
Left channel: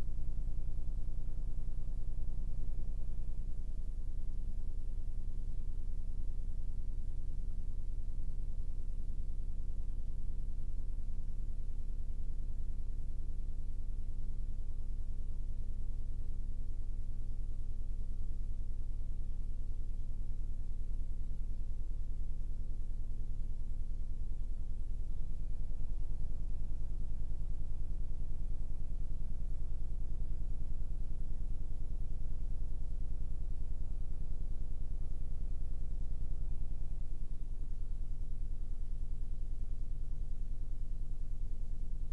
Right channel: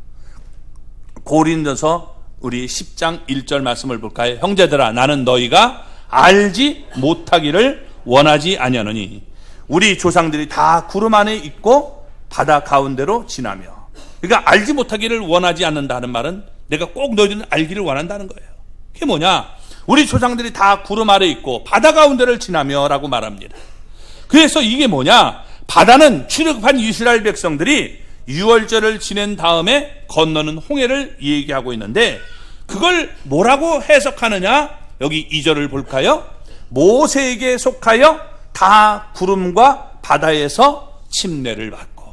고린도서 우리 10장 1절 말씀을 볼까요? 형제들아, 나는 너희가 알지 못하기를 원하지 아니하노니 우리 조상들이 다 구름 안에 있고 바다 가운데로 지나며. 그러니까 알지 못하기를 원하지 않는다는 말은 내가 꼭 너희들은 알기를 원한다는 거예요. 그게 뭐냐? 우리 조상들이 다 구름 아래 있고 바다 가운데를 지나며 라고 말합니다. 그래서 이게 뭐냐? 바다는 출애굽한 이스라엘 백성들이 유월절을 지낸 다음에 건너는 홍해를 얘기하고 있는데 그걸 뭐라고 해석하느냐? 여기 2절을 볼까요? 모세에게 속하여 다 구름과 바다에서 침례를 받고.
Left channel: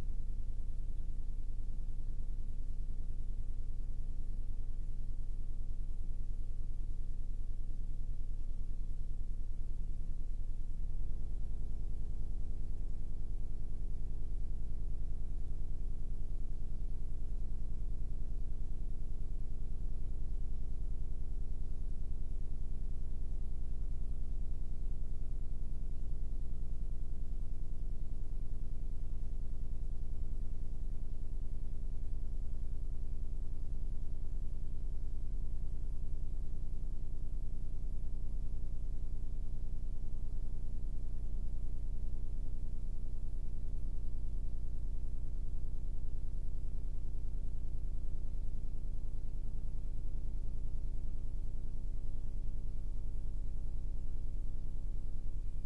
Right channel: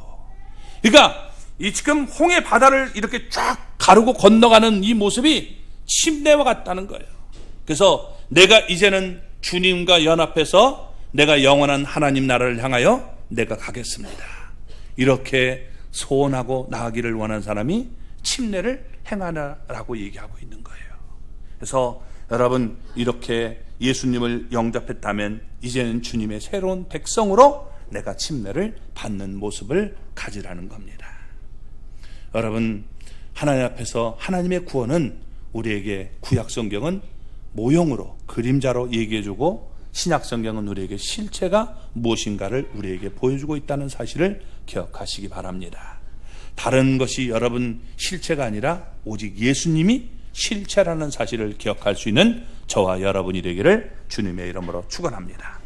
그러니까 이 지금 홍해 바다를 이렇게 쫙 가르고 건너가는 이 모습이 침례와 같다는 거예요. 그래서 내가 이제는 주님과 연합해서 내가 영원한 하나님 나라를 향하여 내가 가겠습니다. 이렇게 소원하고 나아가기를 원하는 사람이 침례를 행하라라고 얘기하고 있는 거예요. 그래서 여러분 이렇게 예수님을 영접했다면 이제는 주님의 새로운 백성으로 내가 침례를 받는 모습을 가지라는 겁니다. 여러분 하나님 앞에서 하나님의 구원은 우리에게 구약 성경은 모형으로 그림자로 얘기해주고 신약 성경은 우리에게 실체가 무엇인가를 우리에게 보여주고 있다는 사실을 기억하시기 바랍니다. 다른 것이 여러분 실체가 아니라 오직 예수님이 실체라는 사실을 기억할 수 있는 저와 여러분이 되기를 주님의 이름으로 축원합니다.